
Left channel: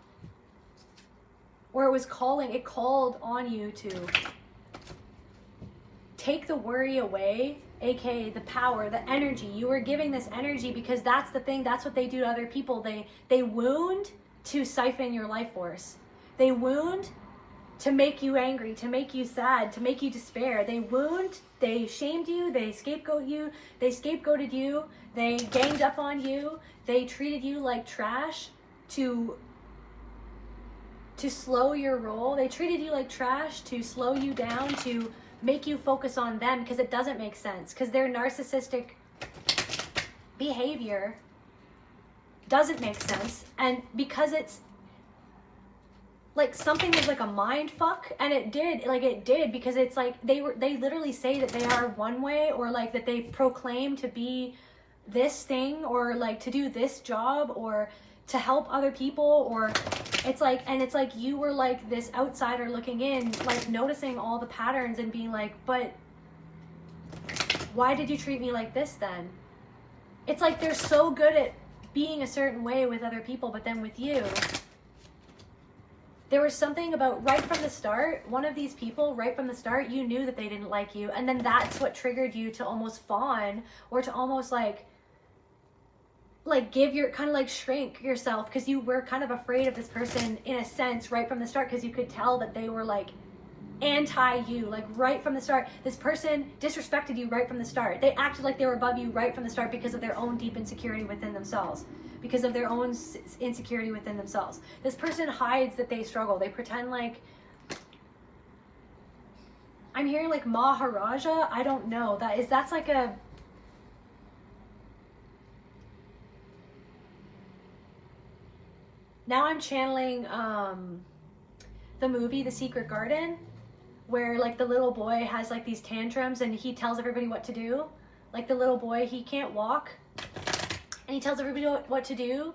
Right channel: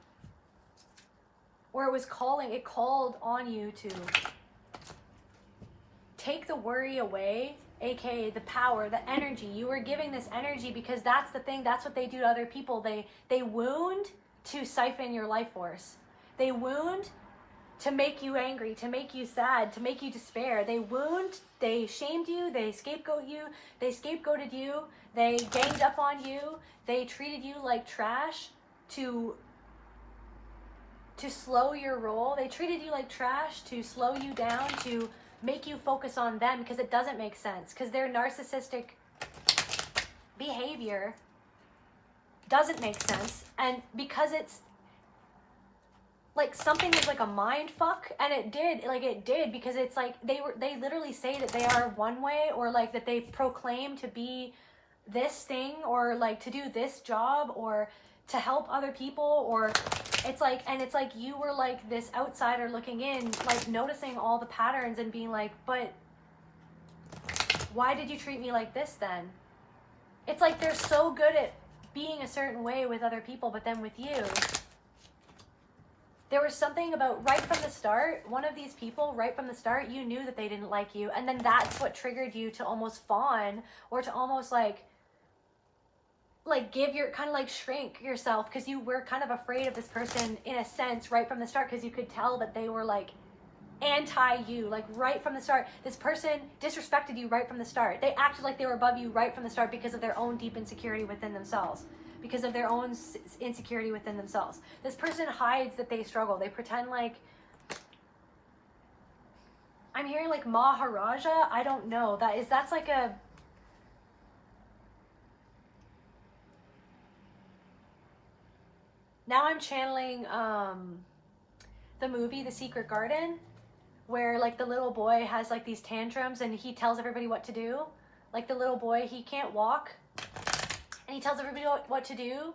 Or it called on you to take the worry away, aka the power, the energy. You were giving this energy because that's the thing, that's what they do to other people. They wound to siphon your life force. They wound to make you angry, to make you sad, to make you despair. They wound, they shamed you, they scapegoated you, they ganged up on you, they treated you like trash to slow your roll. They treated you like trash to slow you down, to make you focus on them because it doesn't make sense, because their narcissistic behavior doesn't make sense, and because it's like something was like a mind fuck, and it did because it's like they literally say that they are one way, or like that they proclaim to be this thing, or like to do this job, or to help other people, or it's like, and it's like you were like this outsider looking in, like noticing all the patterns and being like, but why did you treat me like this then? It's like they're so good at being a certain way with other people, but then with you, there was something about right from the start, one of these people, right from the start, you knew that they didn't like you. And then that's what triggered you to almost fawn, or to almost like give your, kind of like shrink yourself, because you were kind of afraid of this person in a sense right from the start, because you could tell that they were like anti you, like right from the start. This person disrespected you right from the start. They acted like they were above you right from the start because of their own deep insecurity within themselves. Because of their own insecurity within themselves. This person hides that they struggle. They pretend like, I'm hearing like Maharaja. I don't know. That's like a, now I'm channeling the movie The Secret Garden, where like the little boy has like these tantrums and he tells everybody what to do. Like the little boy, he can't walk, and he tells everybody what to do.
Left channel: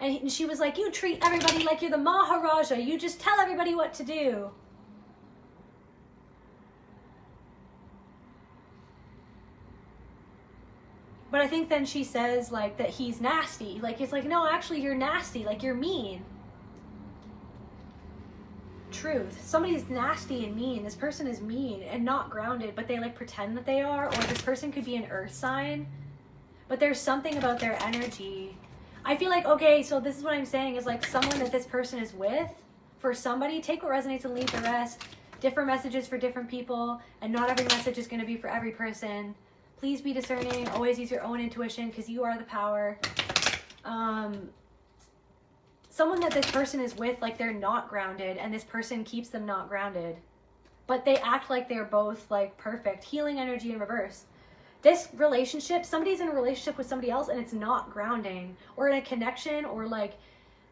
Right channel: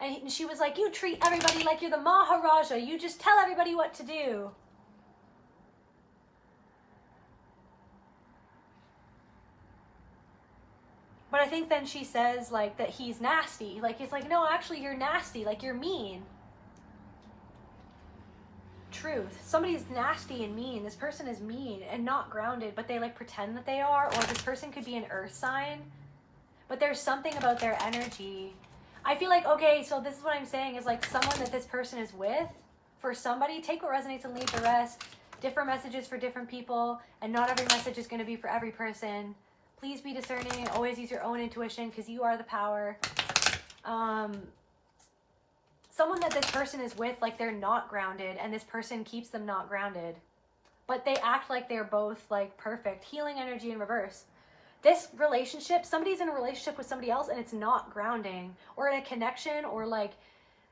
And she was like, you treat everybody like you're the Maharaja. You just tell everybody what to do. But I think then she says like that he's nasty. Like it's like, no, actually you're nasty. Like you're mean. Truth. Somebody's nasty and mean. This person is mean and not grounded, but they like pretend that they are. Or this person could be an earth sign. But there's something about their energy. I feel like, okay, so this is what I'm saying is like someone that this person is with, for somebody, take what resonates and leave the rest. Different messages for different people, and not every message is going to be for every person. Please be discerning. Always use your own intuition, because you are the power. Someone that this person is with, like they're not grounded, and this person keeps them not grounded. But they act like they're both like perfect. Healing energy in reverse. This relationship, somebody's in a relationship with somebody else and it's not grounding, or in a connection, or like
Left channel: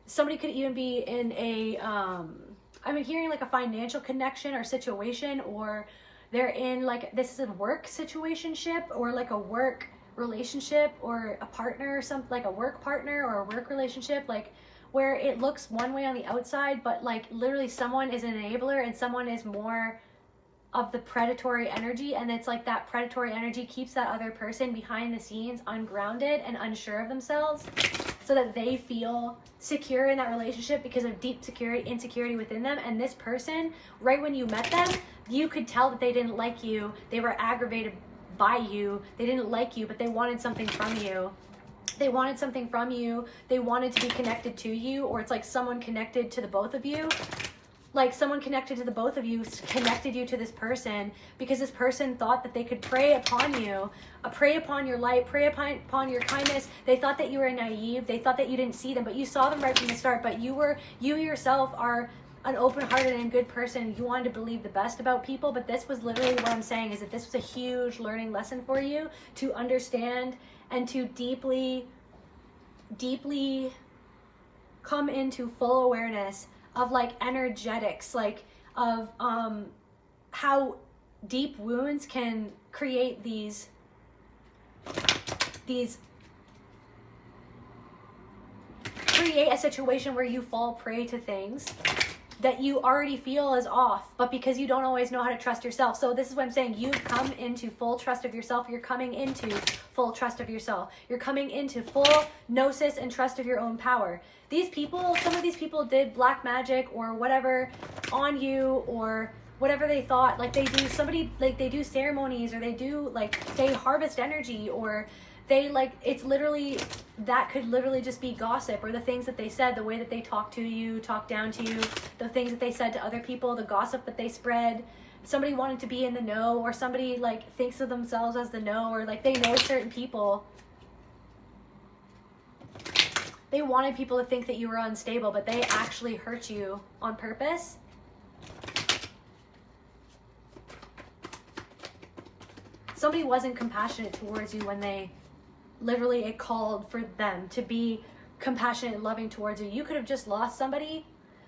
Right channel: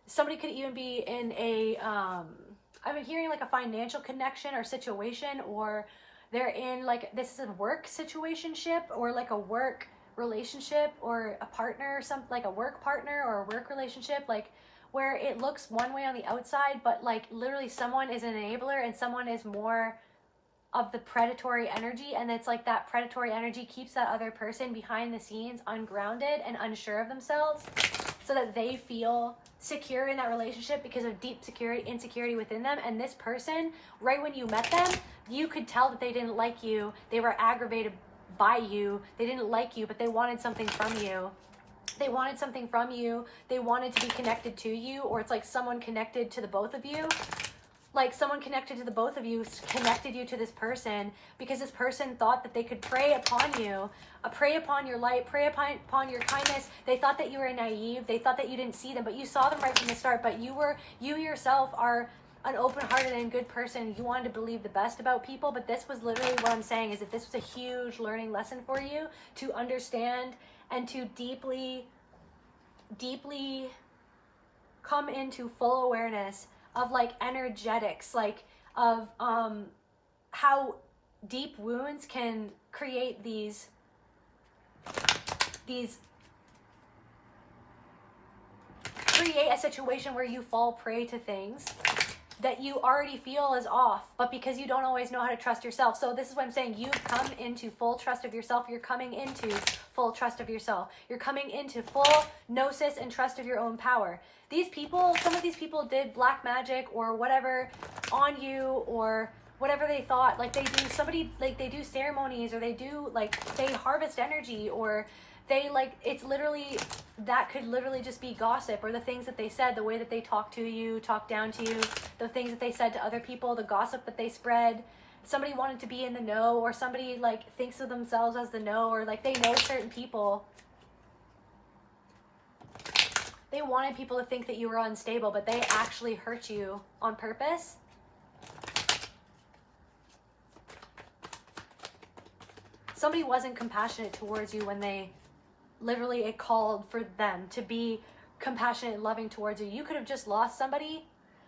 somebody could even be in a, I'm hearing like a financial connection or situation, or they're in like, this is a work situationship, or like a work relationship, or a partner, or something like a work partner or a work relationship, like where it looks one way on the outside, but like literally someone is an enabler and someone is more of the predatory energy, and it's like that predatory energy keeps that other person behind the scenes ungrounded and unsure of themselves. so that they feel secure in that relationship because of deep insecurity within them. And this person, right when you met them, you could tell that they didn't like you. They were aggravated by you. They didn't like you, but they wanted something from you. They wanted something from you. They wanted to be connected to you, or it's like someone connected to the both of you. Like someone connected to the both of you connected you to this person because this person thought that they could prey upon you, prey upon your light, prey upon your kindness. They thought that you were naive. They thought that you didn't see them, but you saw them right from the start. But you yourself are an open-hearted and good person. You wanted to believe the best about people, but this was literally what I'm saying, is that this was a huge learning lesson for you to understand and to deeply come into full awareness of like energetics, like of how deep wounds can create these create a situation where you fall prey to things that you already feel is off, but because you don't always know how to trust yourself. So this is what I'm saying. You've come into full trust of yourself. You're coming into full trust of yourself. You're coming into full gnosis and trust of your own power. These people, some of these people did black magic or whatever on you, or whatever they thought. Like they do they do ceremonies, or they do like, they harvest energy, or they like, it's literally, that could literally just be gossip, or the things that they said, the way that they talk to you, talk down to you, the things that they said to other people, the gossip that they spread. Somebody wanted to be in the know, or somebody like thinks of themselves as the know, or like they know certain people. They wanted people to think that you were unstable, but they actually hurt you on purpose. Somebody wasn't compassionate towards you when they literally, it called for them to be compassionate and loving towards you. You could have just lost somebody.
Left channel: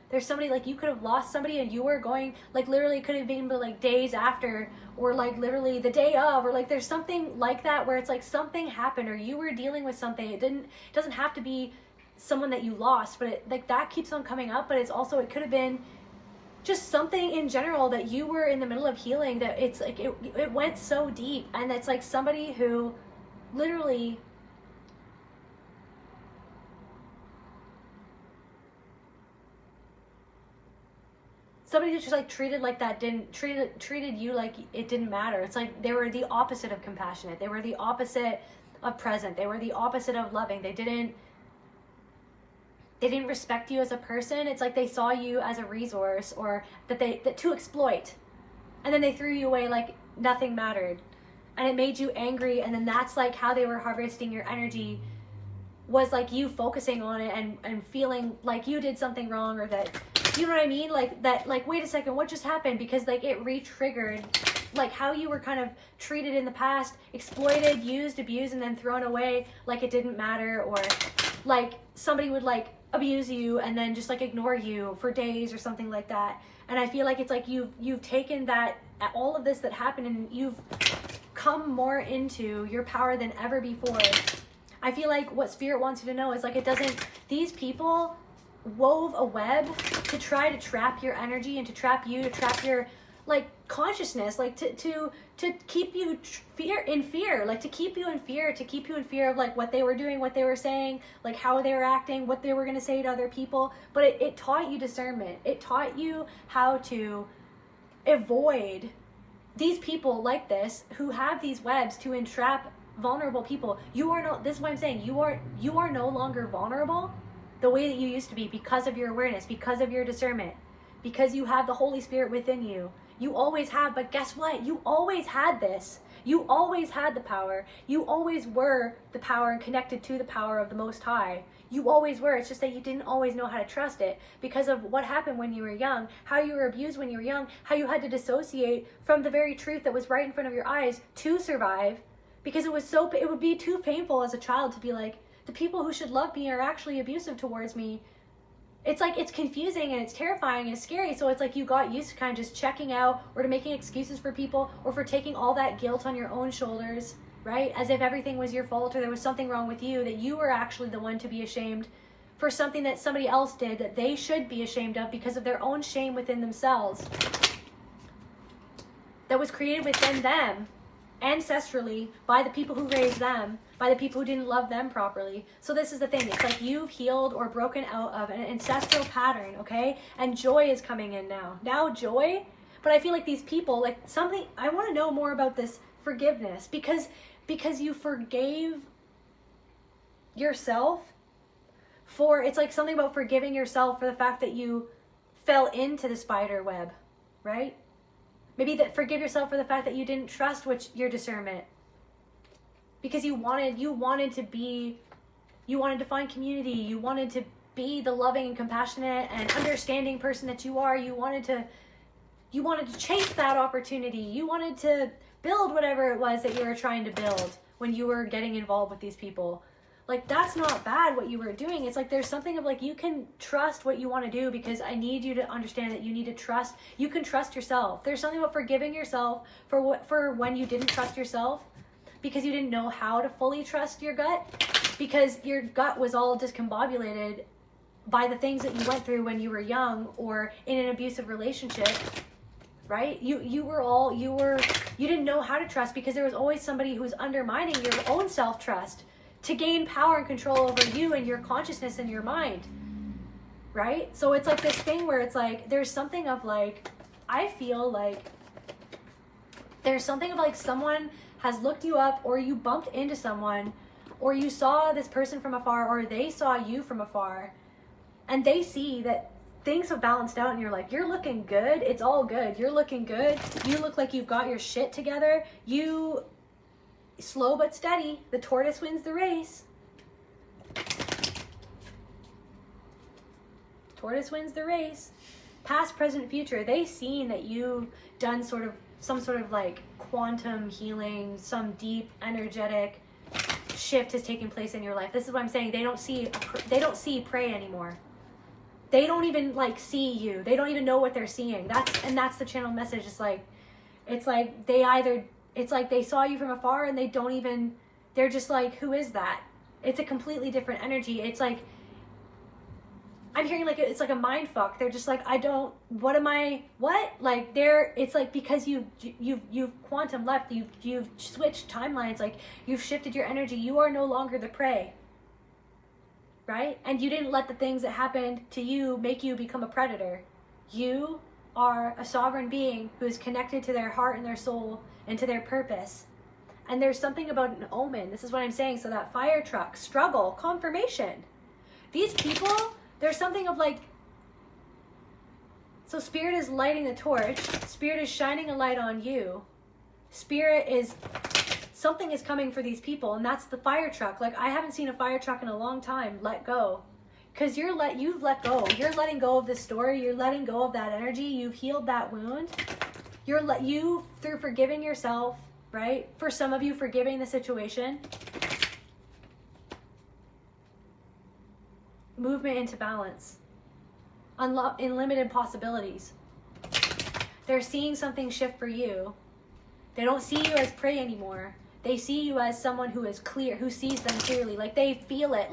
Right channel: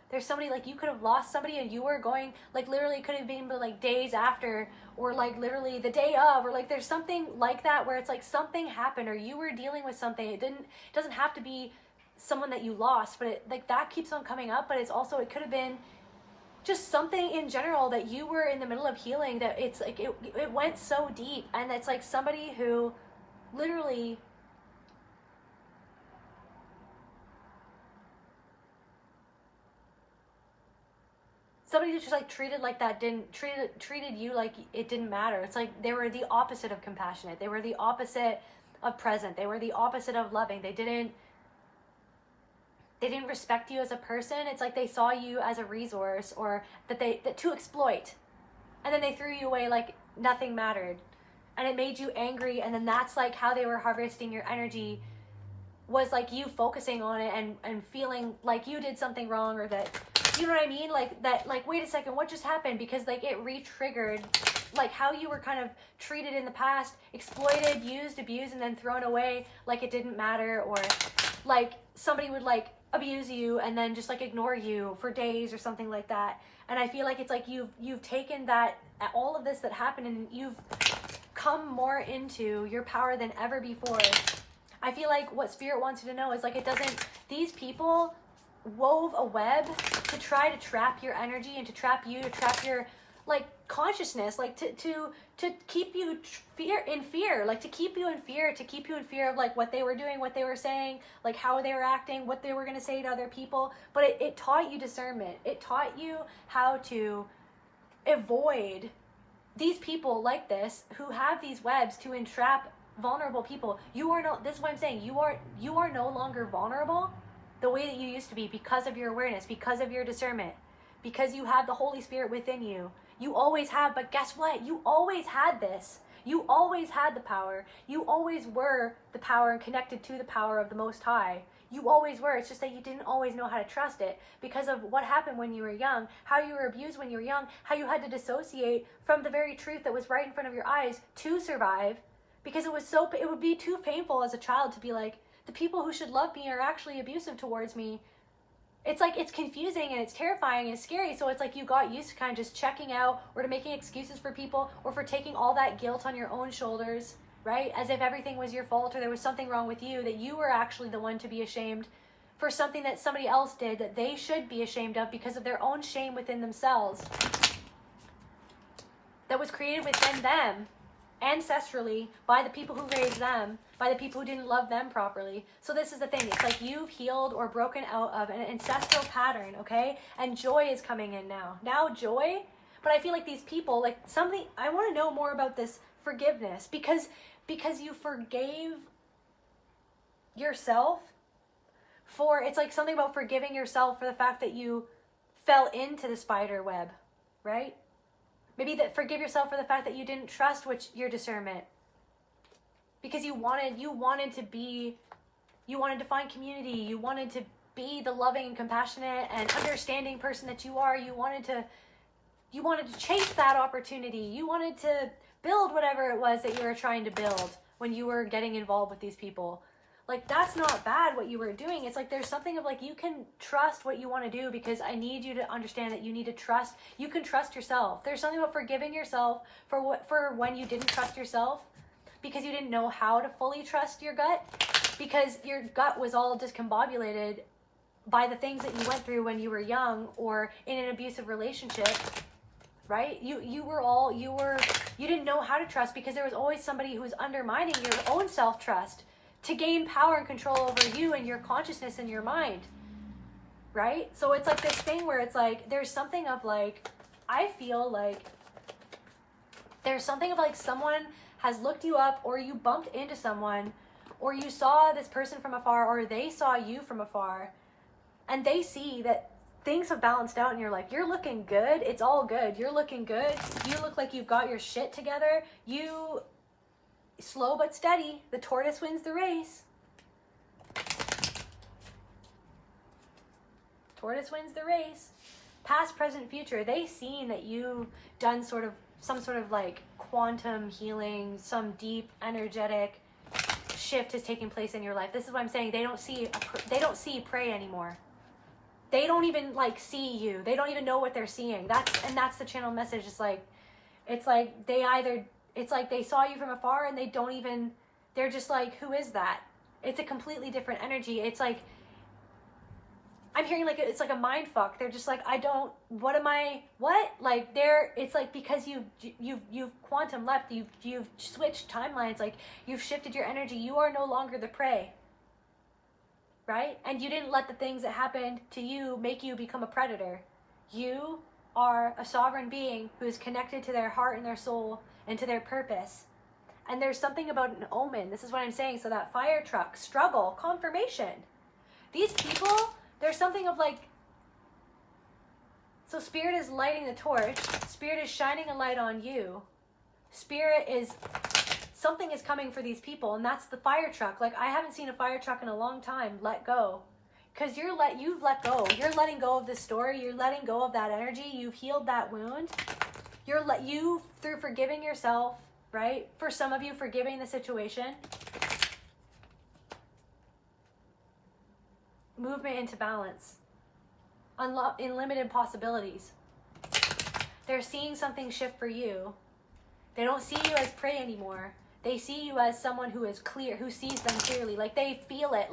There's somebody, like, you could have lost somebody and you were going, like, literally could have been like days after, or like literally the day of, or like there's something like that where it's like something happened, or you were dealing with something. It doesn't have to be someone that you lost, but it, like, that keeps on coming up. But it's also, it could have been just something in general that you were in the middle of healing, that it's like it went so deep. And it's like somebody who literally somebody who just like treated like that, treated you like it didn't matter. It's like they were the opposite of compassionate. They were the opposite of present. They were the opposite of loving. They didn't respect you as a person. It's like they saw you as a resource, or that to exploit, and then they threw you away like nothing mattered, and it made you angry. And then that's like how they were harvesting your energy, was like you focusing on it and feeling like you did something wrong, or that, you know what I mean, like that, like, wait a second, what just happened? Because like it re-triggered like how you were kind of treated in the past, exploited, used, abused, and then thrown away like it didn't matter. Or like somebody would like abuse you and then just like ignore you for days or something like that. And I feel like it's like you've taken that, all of this that happened, and you've come more into your power than ever before. I feel like what Spirit wants you to know is like, it doesn't, these people wove a web to try to trap your energy and to trap you, to trap your like consciousness, like to keep you in fear, like to keep you in fear of like what they were doing, what they were saying, like how they were acting, what they were going to say to other people. But it taught you discernment. It taught you how to avoid these people like this, who have these webs to entrap vulnerable people. You are no, this is what I'm saying, you are no longer vulnerable the way that you used to be, because of your awareness, because of your discernment, because you have the Holy Spirit within you. You always have. But guess what? You always had this. You always had the power. You always were the power and connected to the power of the Most High. You always were. It's just that you didn't always know how to trust it because of what happened when you were young, how you were abused when you were young, how you had to dissociate from the very truth that was right in front of your eyes to survive, because it would be too painful as a child to be like, the people who should love me are actually abusive towards me. It's like, it's confusing and it's terrifying and it's scary. So it's like you got used to kind of just checking out, or to making excuses for people, or for taking all that guilt on your own shoulders, right? As if everything was your fault, or there was something wrong with you, that you were actually the one to be ashamed for something that somebody else did that they should be ashamed of because of their own shame within themselves, that was created within them ancestrally by the people who raised them, by the people who didn't love them properly. So this is the thing. It's like you've healed or broken out of an ancestral pattern, okay? And joy is coming in now. Now joy, but I feel like these people, like something, I want to know more about this forgiveness because you forgave yourself for, it's like something about forgiving yourself for the fact that you fell into the spider web, right? Maybe that forgive yourself for the fact that you didn't trust your discernment because you wanted to find community. You wanted to be the loving and compassionate and understanding person that you are. You wanted to chase that opportunity. You wanted to build whatever it was that you were trying to build when you were getting involved with these people. Like, that's not bad what you were doing. It's like there's something of like, you can trust what you want to do because I need you to understand that you need to trust. You can trust yourself. There's something about forgiving yourself for when you didn't trust yourself because you didn't know how to fully trust your gut because your gut was all discombobulated by the things that you went through when you were young or in an abusive relationship, right? You didn't know how to trust because there was always somebody who was undermining your own self-trust to gain power and control over you and your consciousness and your mind, right? So it's like this thing where it's like, there's something of like, I feel like there's something of like someone has looked you up or you bumped into someone or you saw this person from afar or they saw you from afar and they see that things have balanced out and you're like, you're looking good. It's all good. You're looking good. You look like you've got your shit together. You slow but steady, the tortoise wins the race. Tortoise wins the race. Past, present, future. They've seen that you've done some sort of like quantum healing, some deep energetic shift has taken place in your life. This is what I'm saying. They don't see prey anymore. They don't even like see you. They don't even know what they're seeing. That's the channel message. It's like they saw you from afar and they're just like, who is that? It's a completely different energy. It's like, I'm hearing like, it's like a mind fuck. They're just like, like it's like, because you've quantum leapt, you've switched timelines, like you've shifted your energy. You are no longer the prey, right? And you didn't let the things that happened to you make you become a predator. You are a sovereign being who is connected to their heart and their soul and to their purpose. And there's something about an omen. This is what I'm saying. So that fire truck, struggle, confirmation. These people, there's something of like, so Spirit is lighting the torch. Spirit is shining a light on you. Something is coming for these people. And that's the fire truck. Like, I haven't seen a fire truck in a long time. Let go. Because you've let go. You're letting go of this story. You're letting go of that energy. You've healed that wound. You through forgiving yourself, right? For some of you, forgiving the situation. Movement into balance. Unlimited possibilities. They're seeing something shift for you. They don't see you as prey anymore. They see you as someone who is clear, who sees them clearly. Like they feel it.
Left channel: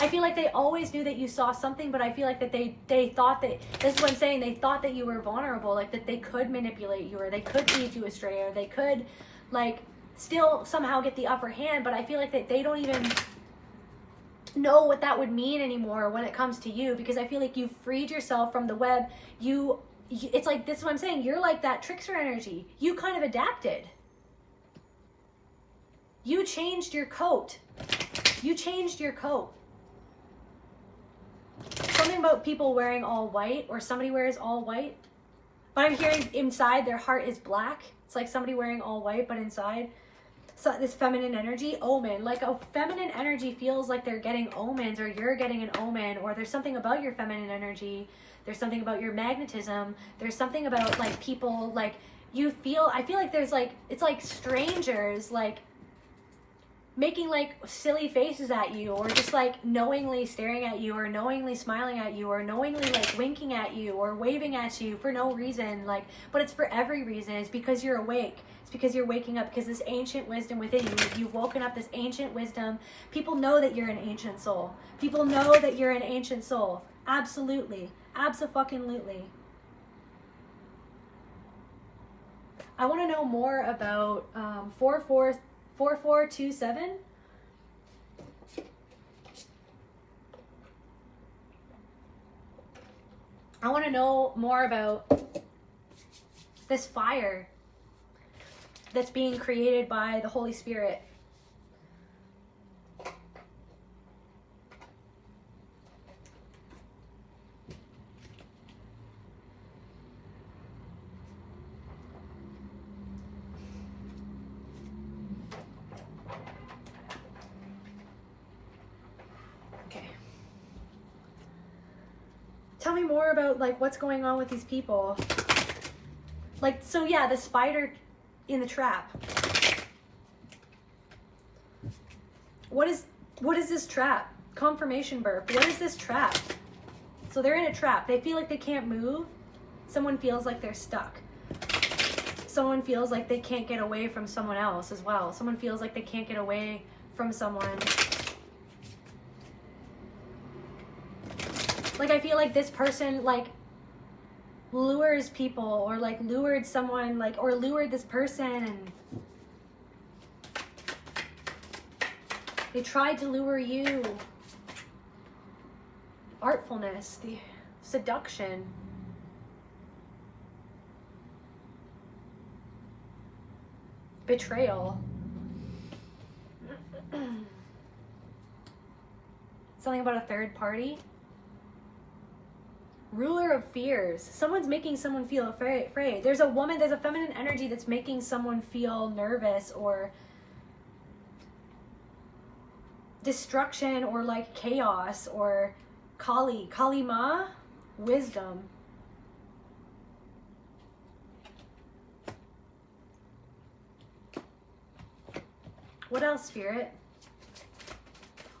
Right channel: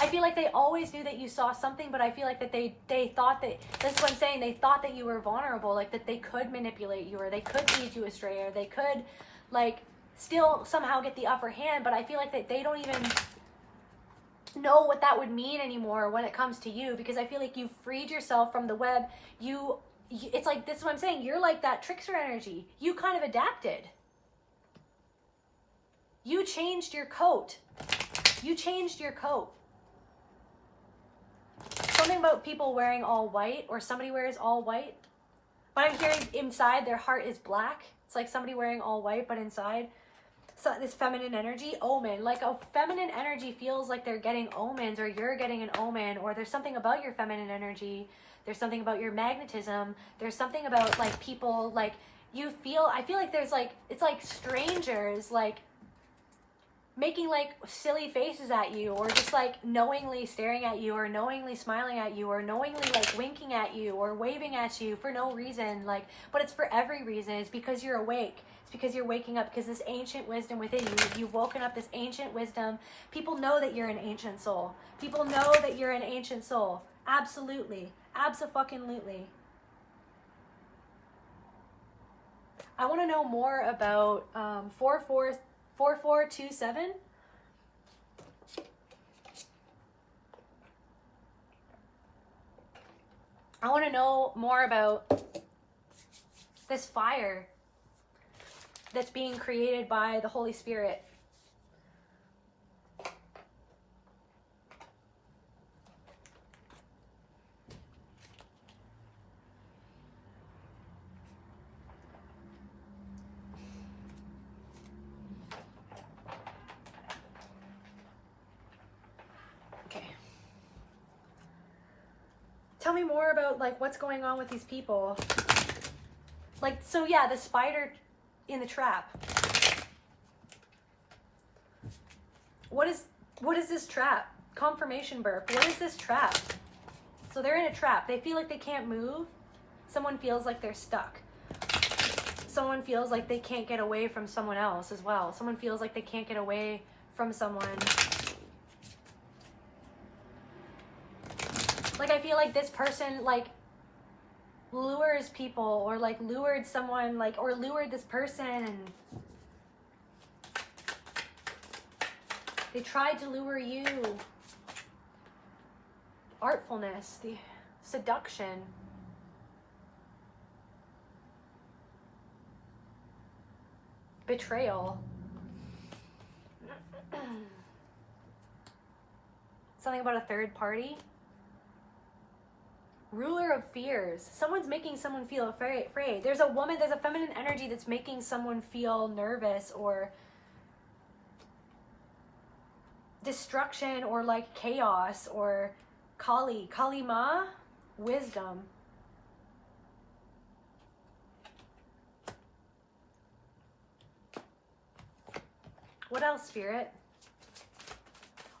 I feel like they always knew that you saw something, but I feel like that they thought that, this is what I'm saying, they thought that you were vulnerable, like that they could manipulate you or they could lead you astray or they could like still somehow get the upper hand, but I feel like that they don't even know what that would mean anymore when it comes to you because I feel like you've freed yourself from the web. It's like, this is what I'm saying, you're like that trickster energy. You kind of adapted. You changed your coat. Something about people wearing all white or somebody wears all white. But I'm hearing inside their heart is black. It's like somebody wearing all white, but inside. So this feminine energy, omen. Like a feminine energy feels like they're getting omens or you're getting an omen or there's something about your feminine energy. There's something about your magnetism. There's something about like people like I feel like there's like, it's like strangers like making like silly faces at you or just like knowingly staring at you or knowingly smiling at you or knowingly like winking at you or waving at you for no reason, like, but it's for every reason. It's because you're awake. It's because you're waking up, because this ancient wisdom within you, you've woken up this ancient wisdom. People know that you're an ancient soul. People know that you're an ancient soul. Absolutely. Abso-fucking-lutely. I want to know more about 4/4 4427. I want to know more about this fire that's being created by the Holy Spirit. Tell me more about like what's going on with these people. Like, so yeah, the spider in the trap. What is this trap? Confirmation burp. What is this trap? So they're in a trap. They feel like they can't move. Someone feels like they're stuck. Someone feels like they can't get away from someone else as well. Someone feels like they can't get away from someone. Like, I feel like this person, like, lures people, or, like, lured someone, like, or lured this person, and they tried to lure you. Artfulness, the seduction. Betrayal. Something about a third party. Ruler of fears. Someone's making someone feel afraid. There's a woman, there's a feminine energy that's making someone feel nervous or destruction or like chaos or Kali. Kali Ma, wisdom. What else, Spirit?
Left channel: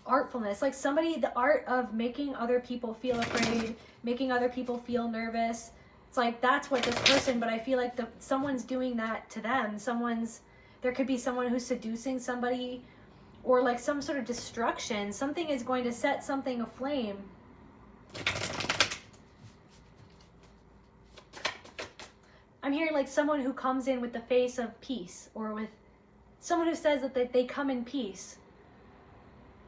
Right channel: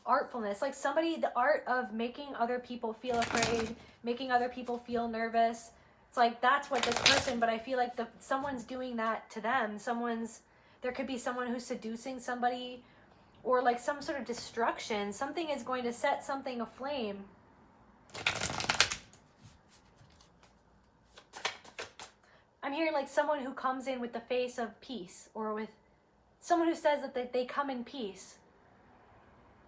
Artfulness. Like somebody, the art of making other people feel afraid, making other people feel nervous. It's like that's what this person, but I feel like someone's doing that to them. There could be someone who's seducing somebody, or like some sort of destruction. Something is going to set something aflame. I'm hearing like someone who comes in with the face of peace, or with someone who says that they come in peace.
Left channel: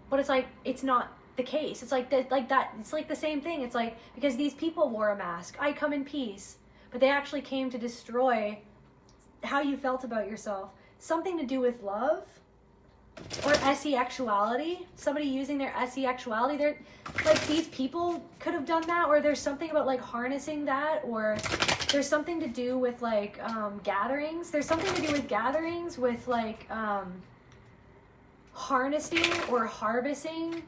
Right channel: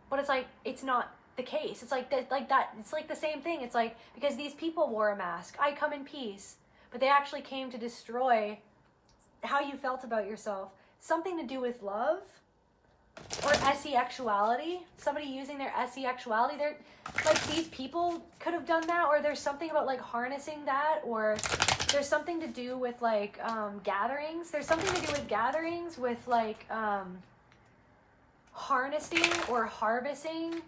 But it's like, it's not the case. It's like that. It's like the same thing. It's like, because these people wore a mask. I come in peace. But they actually came to destroy how you felt about yourself. Something to do with love or SE-actuality. Somebody using their SE-actuality. They're like, these people could have done that, or there's something about like harnessing that, or there's something to do with like gatherings. There's something to do with gatherings with like harnessing or harvesting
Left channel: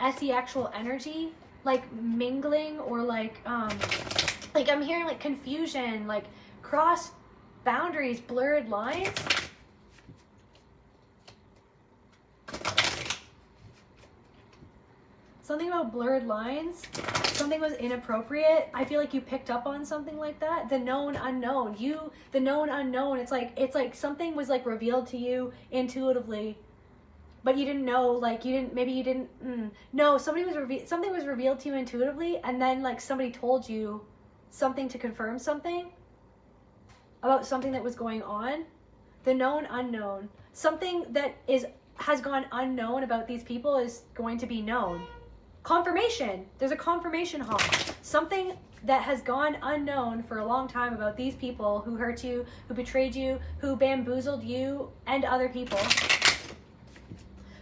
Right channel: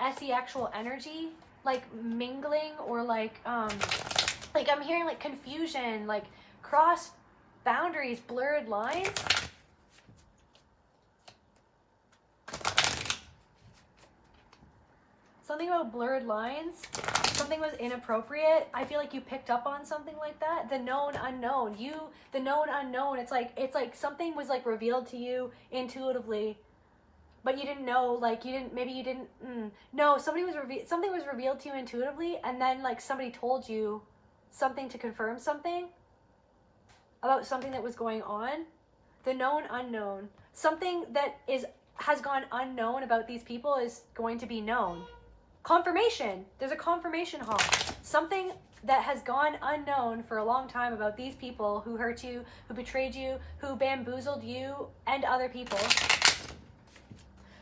SE-actual energy, like mingling, or like I'm hearing like confusion, like cross boundaries, blurred lines. Something about blurred lines. Something was inappropriate. I feel like you picked up on something like that. The known unknown. The known unknown. It's like something was like revealed to you intuitively, but you didn't know. Like maybe you didn't. No, something was revealed to you intuitively, and then like somebody told you something to confirm something about something that was going on. The known unknown. Something that has gone unknown about these people is going to be known. Confirmation. There's a confirmation hall. Something that has gone unknown for a long time about these people who hurt you, who betrayed you, who bamboozled you and other people,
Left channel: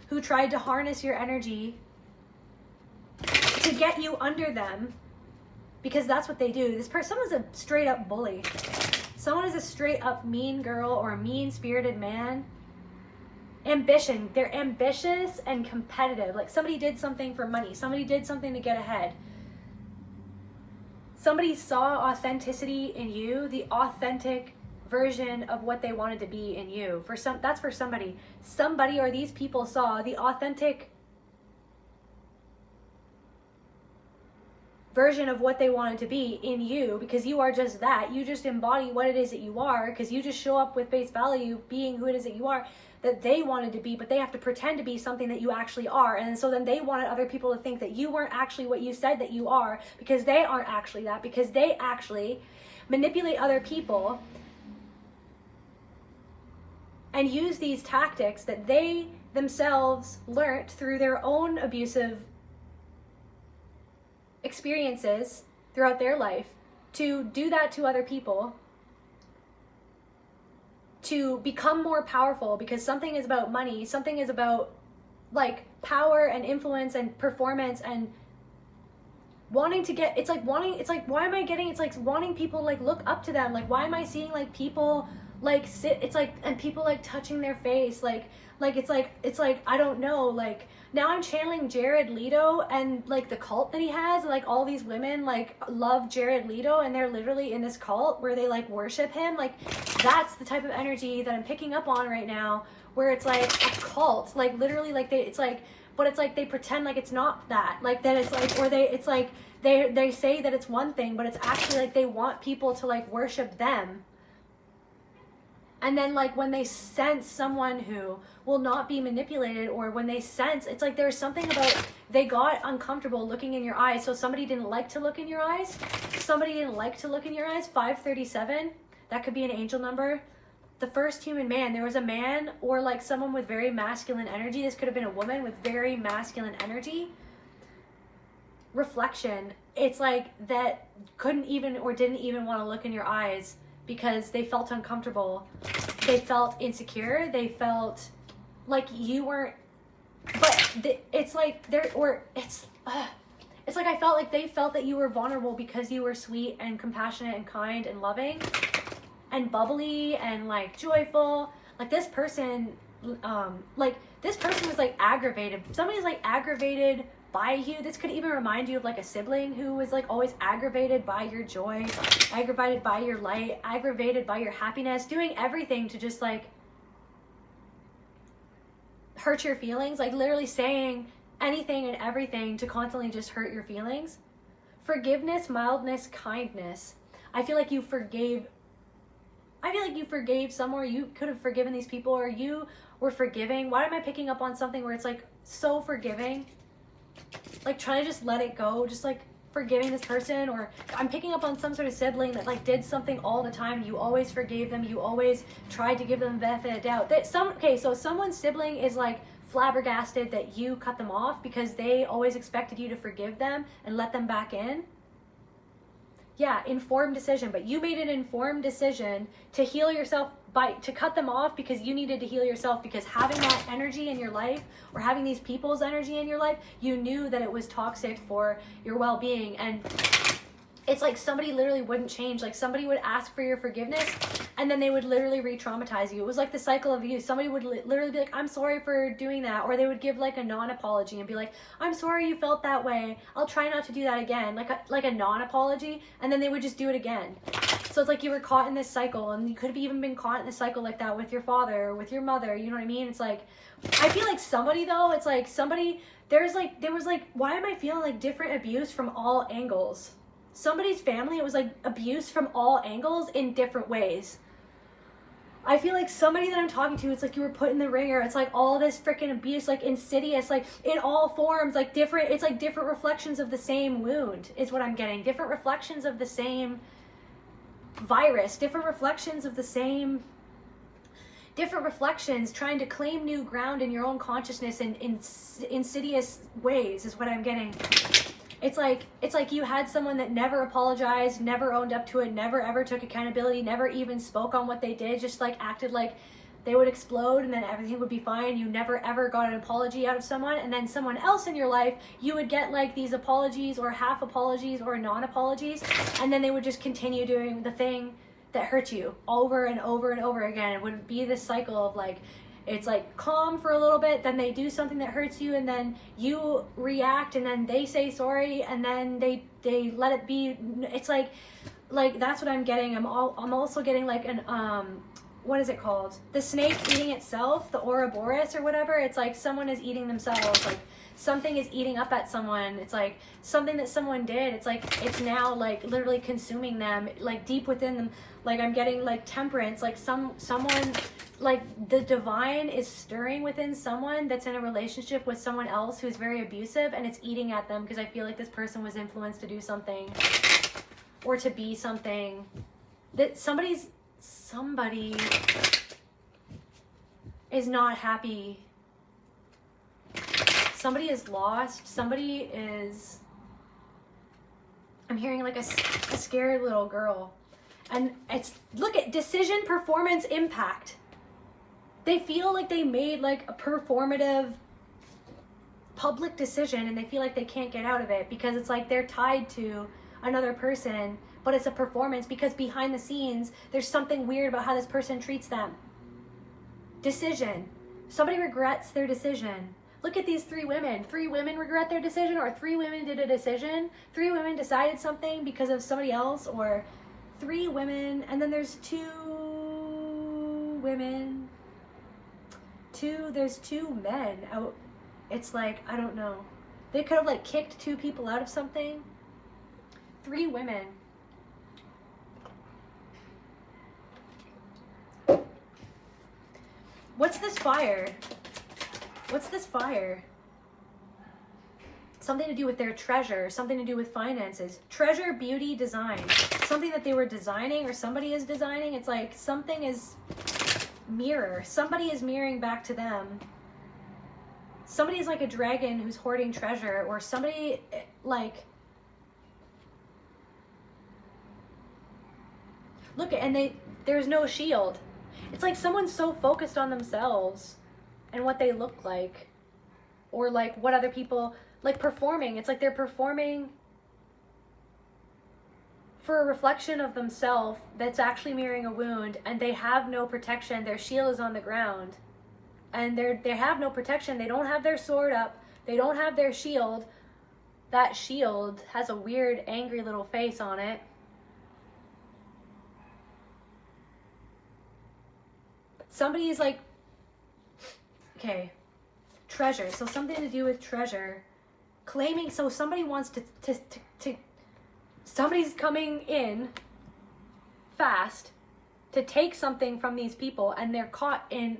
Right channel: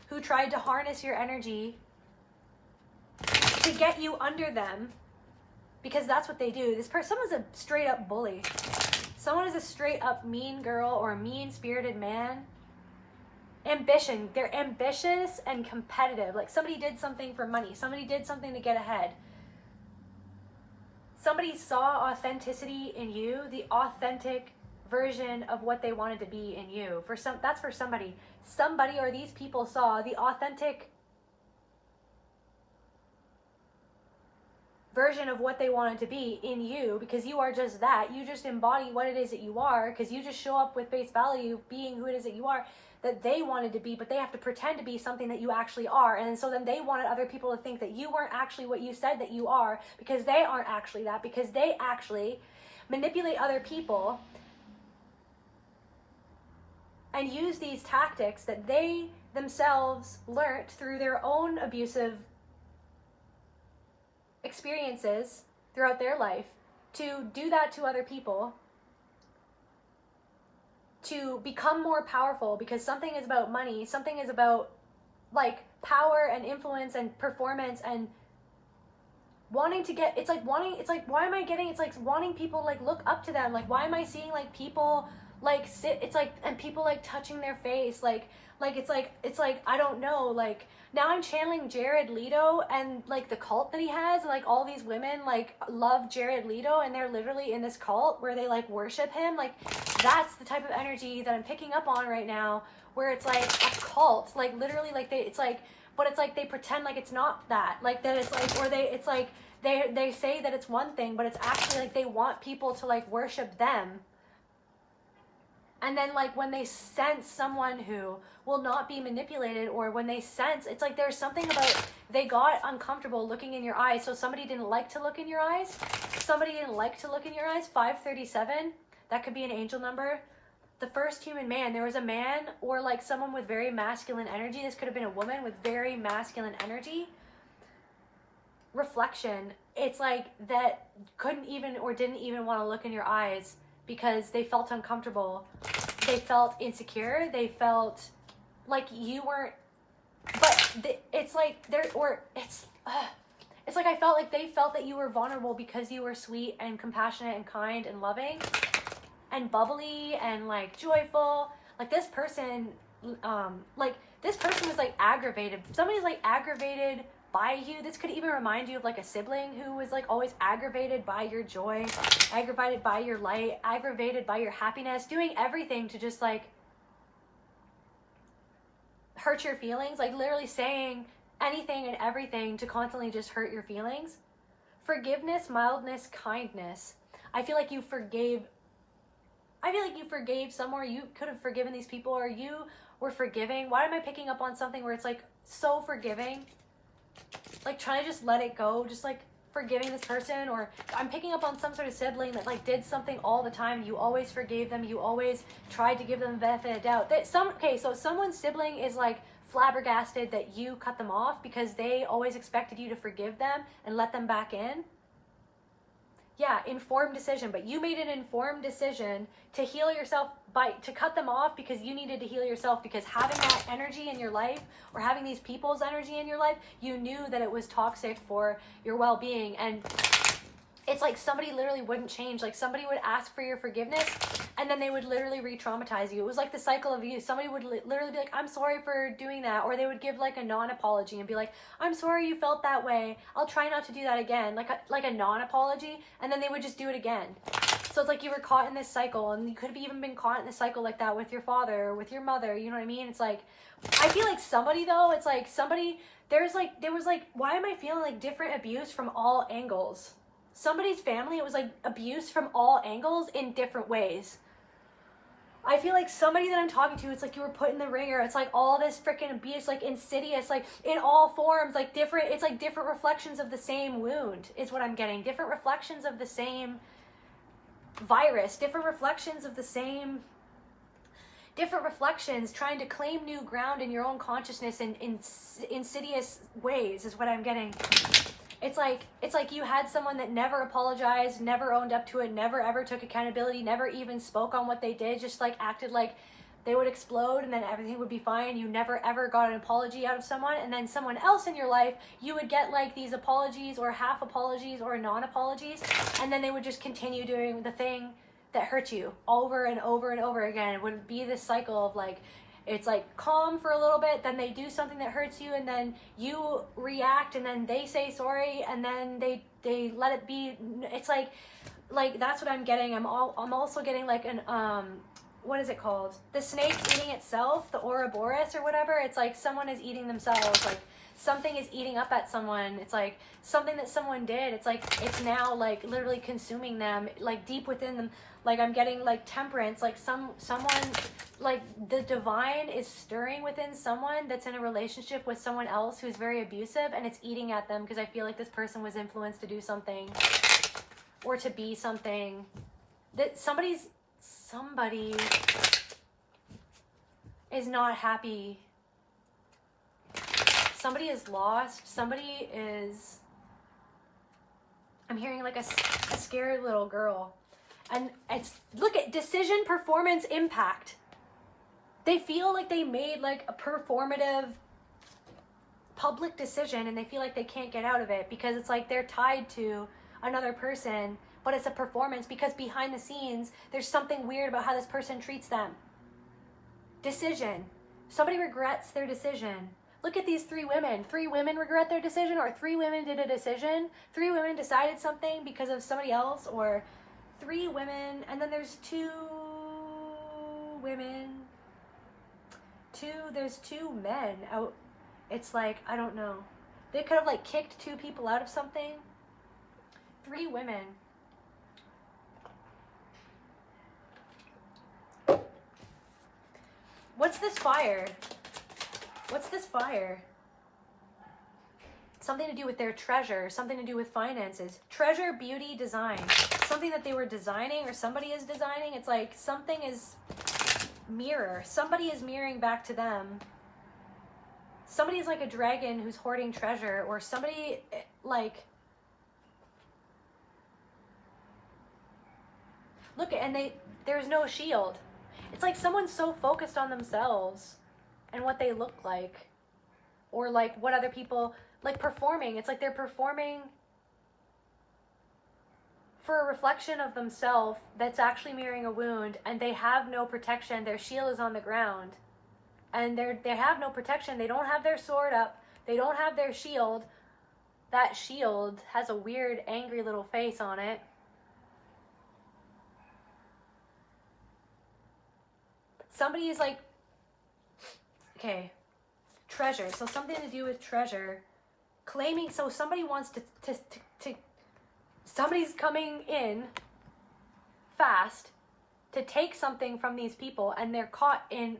who tried to harness your energy to get you under them, because that's what they do. Someone's a straight up bully. Someone is a straight up mean girl or a mean spirited man. Ambition. They're ambitious and competitive. Like somebody did something for money. Somebody did something to get ahead. Somebody saw authenticity in you, the authentic version of what they wanted to be in you. That's for somebody. Somebody or these people saw the authentic version of what they wanted to be in you, because you are just that. You just embody what it is that you are, because you just show up with face value, being who it is that you are, that they wanted to be, but they have to pretend to be something that you actually are. And so then they wanted other people to think that you weren't actually what you said that you are, because they aren't actually that, because they actually manipulate other people and use these tactics that they themselves learnt through their own abusive experiences throughout their life to do that to other people, to become more powerful, because something is about money, something is about like power and influence and performance and wanting to get, it's like why am I getting, it's like wanting people like look up to them, like why am I seeing like people like sit, it's like, and people like touching their face, like it's like I don't know, like now I'm channeling Jared Leto and like the cult that he has, and like all these women like love Jared Leto and they're literally in this cult where they like worship him. Like that's the type of energy that I'm picking up on right now, where it's like a cult, like literally like it's like, but it's like they pretend like it's not that, like that it's like, or it's like they say that it's one thing, but it's actually like they want people to like worship them. And then like when they sense someone who will not be manipulated, or when they sense, it's like there's something about, they got uncomfortable looking in your eyes. So somebody didn't like to look in your eyes. Somebody didn't like to look in your eyes. 537, that could be an angel number. The first human man, there was a man or like someone with very masculine energy. This could have been a woman with very masculine energy. Reflection, it's like that couldn't even or didn't even want to look in your eyes because they felt uncomfortable. They felt insecure. They felt like you weren't, but it's like there, or it's like I felt like they felt that you were vulnerable because you were sweet and compassionate and kind and loving and bubbly and like joyful. Like this person was like aggravated. Somebody's like aggravated by you. This could even remind you of like a sibling who was like always aggravated by your joy, aggravated by your light, aggravated by your happiness, doing everything to just like hurt your feelings, like literally saying anything and everything to constantly just hurt your feelings. Forgiveness, mildness, kindness. I feel like you forgave somewhere. You could have forgiven these people, or you were forgiving. Why am I picking up on something where it's like so forgiving? Like trying to just let it go, just like forgiving this person, or I'm picking up on some sort of sibling that like did something all the time. You always forgave them. You always tried to give them the benefit of the doubt. So someone's sibling is like flabbergasted that you cut them off because they always expected you to forgive them and let them back in. Yeah, informed decision, but you made an informed decision to heal yourself, to cut them off because you needed to heal yourself, because having that energy in your life, or having these people's energy in your life, you knew that it was toxic for your well-being. And it's like somebody literally wouldn't change. Like somebody would ask for your forgiveness and then they would literally re-traumatize you. It was like the cycle of abuse. Somebody would literally be like, I'm sorry for doing that. Or they would give like a non-apology and be like, I'm sorry you felt that way. I'll try not to do that again. Like a non-apology. And then they would just do it again. So it's like you were caught in this cycle, and you could have even been caught in this cycle like that with your father or with your mother. You know what I mean? It's like, I feel like somebody though, it's like somebody, there was like, why am I feeling like different abuse from all angles? Somebody's family, it was like abuse from all angles in different ways. I feel like somebody that I'm talking to, it's like you were put in the ringer. It's like all this freaking abuse, like insidious, like in all forms, like different, it's like different reflections of the same wound is what I'm getting. Different reflections of the same virus, different reflections of the same, different reflections trying to claim new ground in your own consciousness in insidious ways is what I'm getting. It's like you had someone that never apologized, never owned up to it, never ever took accountability, never even spoke on what they did, just like acted like they would explode and then everything would be fine. You never ever got an apology out of someone, and then someone else in your life, you would get like these apologies or half apologies or non-apologies, and then they would just continue doing the thing that hurt you over and over and over again. It would be this cycle of like, it's like calm for a little bit, then they do something that hurts you, and then you react, and then they say sorry, and then they let it be. It's like that's what I'm getting. I'm also getting like an what is it called? The snake eating itself, the Ouroboros or whatever. It's like someone is eating themselves. Like something is eating up at someone. It's like something that someone did. It's like it's now like literally consuming them, like deep within them. Like I'm getting like temperance, like someone, like the divine is stirring within someone that's in a relationship with someone else who's very abusive, and it's eating at them because I feel like this person was influenced to do something or to be something that somebody is not happy. Somebody is lost. Somebody is, I'm hearing like a scared little girl. And it's, look at decision, performance, impact. They feel like they made like a performative public decision and they feel like they can't get out of it because it's like they're tied to another person, but it's a performance because behind the scenes, there's something weird about how this person treats them. Decision. Somebody regrets their decision. Look at these 3 women. 3 women regret their decision, or 3 women did a decision. 3 women decided something because of somebody else, or 3 women, and then there's 2 women. There's 2 men out. It's like, I don't know. They could have like kicked 2 people out of something. 3 women. What's this fire? What's this fire? Something to do with their treasure, something to do with finances. Treasure, beauty, design. Something that they were designing or somebody is designing. It's like something is mirror. Somebody is mirroring back to them. Somebody is like a dragon who's hoarding treasure, or somebody like, look, and there's no shield. It's like someone's so focused on themselves and what they look like, or like what other people, like performing. It's like they're performing for a reflection of themselves that's actually mirroring a wound, and they have no protection. Their shield is on the ground, and they have no protection. They don't have their sword up. They don't have their shield. That shield has a weird, angry little face on it. Somebody is like, okay, treasure. So something to do with treasure. Claiming, so somebody wants to somebody's coming in fast to take something from these people, and they're caught in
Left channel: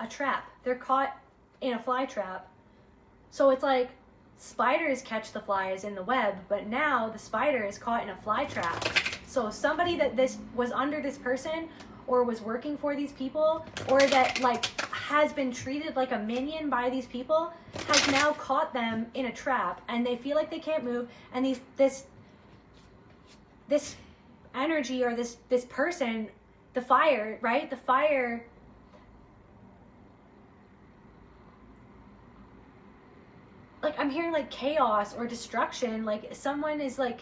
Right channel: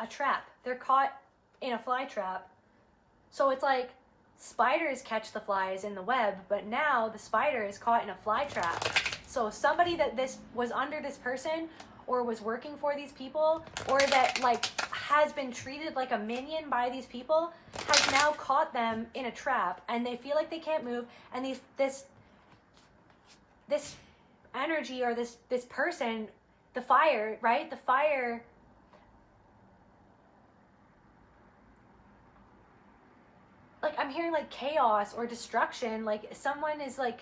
a trap. They're caught in a fly trap. So it's like spiders catch the flies in the web, but now the spider is caught in a fly trap. So somebody that this was under this person, or was working for these people, or that like has been treated like a minion by these people, has now caught them in a trap, and they feel like they can't move, and this energy, or this person, the fire, right? The fire, like I'm hearing like chaos or destruction, like someone is like,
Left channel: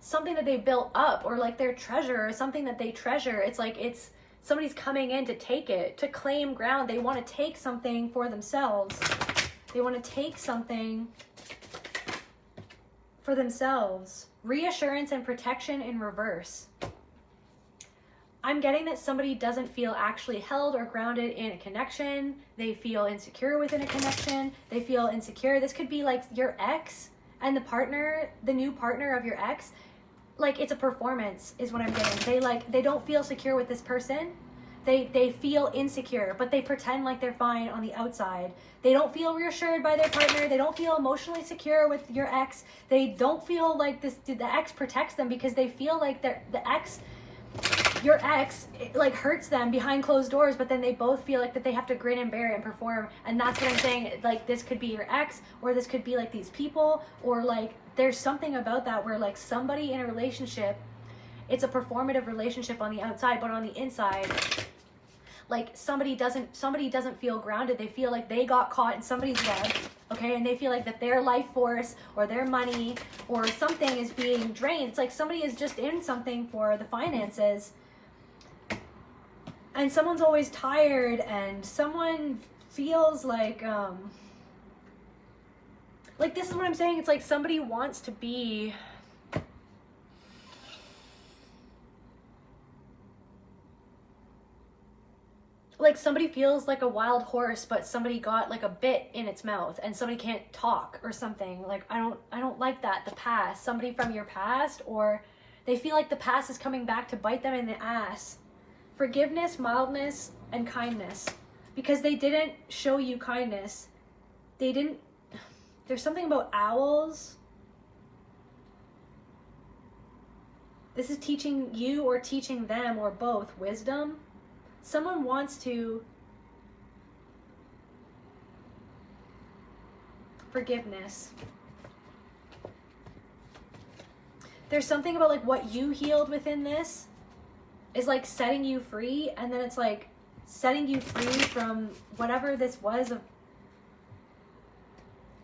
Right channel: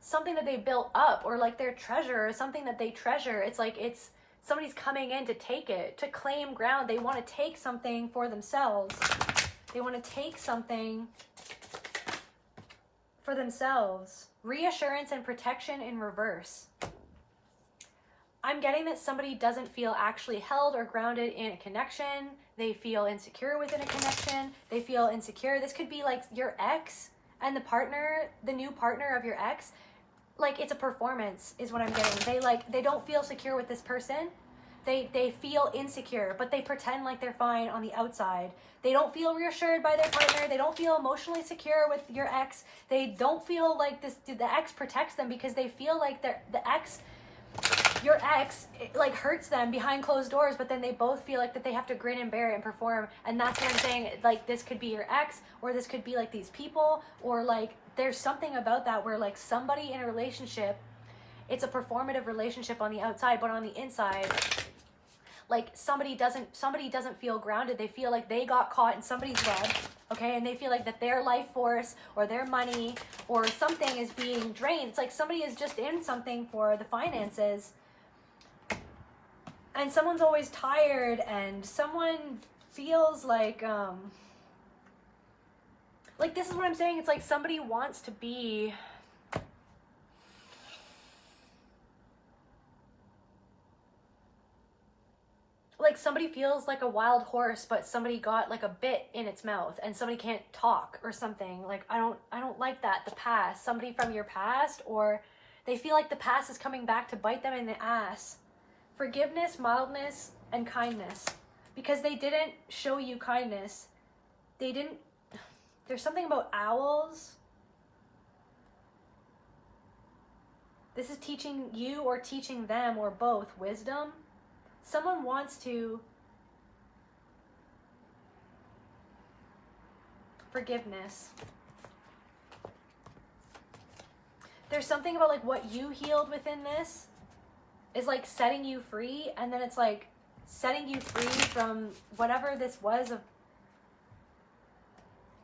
something that they built up, or like their treasure, or something that they treasure. It's like it's somebody's coming in to take it, to claim ground. They want to take something for themselves. They want to take something for themselves. Reassurance and protection in reverse. I'm getting that somebody doesn't feel actually held or grounded in a connection. They feel insecure within a connection. They feel insecure. This could be like your ex and the partner, the new partner of your ex. Like it's a performance is what I'm getting. They don't feel secure with this person. They feel insecure, but they pretend like they're fine on the outside. They don't feel reassured by their partner. They don't feel emotionally secure with your ex. They don't feel like the ex protects them, because they feel like your ex like hurts them behind closed doors, but then they both feel like that they have to grin and bear it and perform. And that's what I'm saying. Like this could be your ex, or this could be like these people, or like there's something about that where like somebody in a relationship, it's a performative relationship on the outside, but on the inside, like somebody doesn't feel grounded. They feel like they got caught in somebody's web, okay? And they feel like that their life force or their money or something is being drained. It's like somebody is just in something for the finances, and someone's always tired, and someone feels like this is what I'm saying. It's like somebody wants to be, like somebody feels like a wild horse, but somebody got like a bit in its mouth and somebody can't talk or something. Like I don't like that. The past, somebody from your past, or they feel like the past is coming back to bite them in the ass. Forgiveness, mildness, and kindness, because they didn't show you kindness. There's something about owls. This is teaching you or teaching them, or both, wisdom. someone wants to forgiveness. There's something about like what you healed within this is like setting you free, and then it's like setting you free from whatever this was of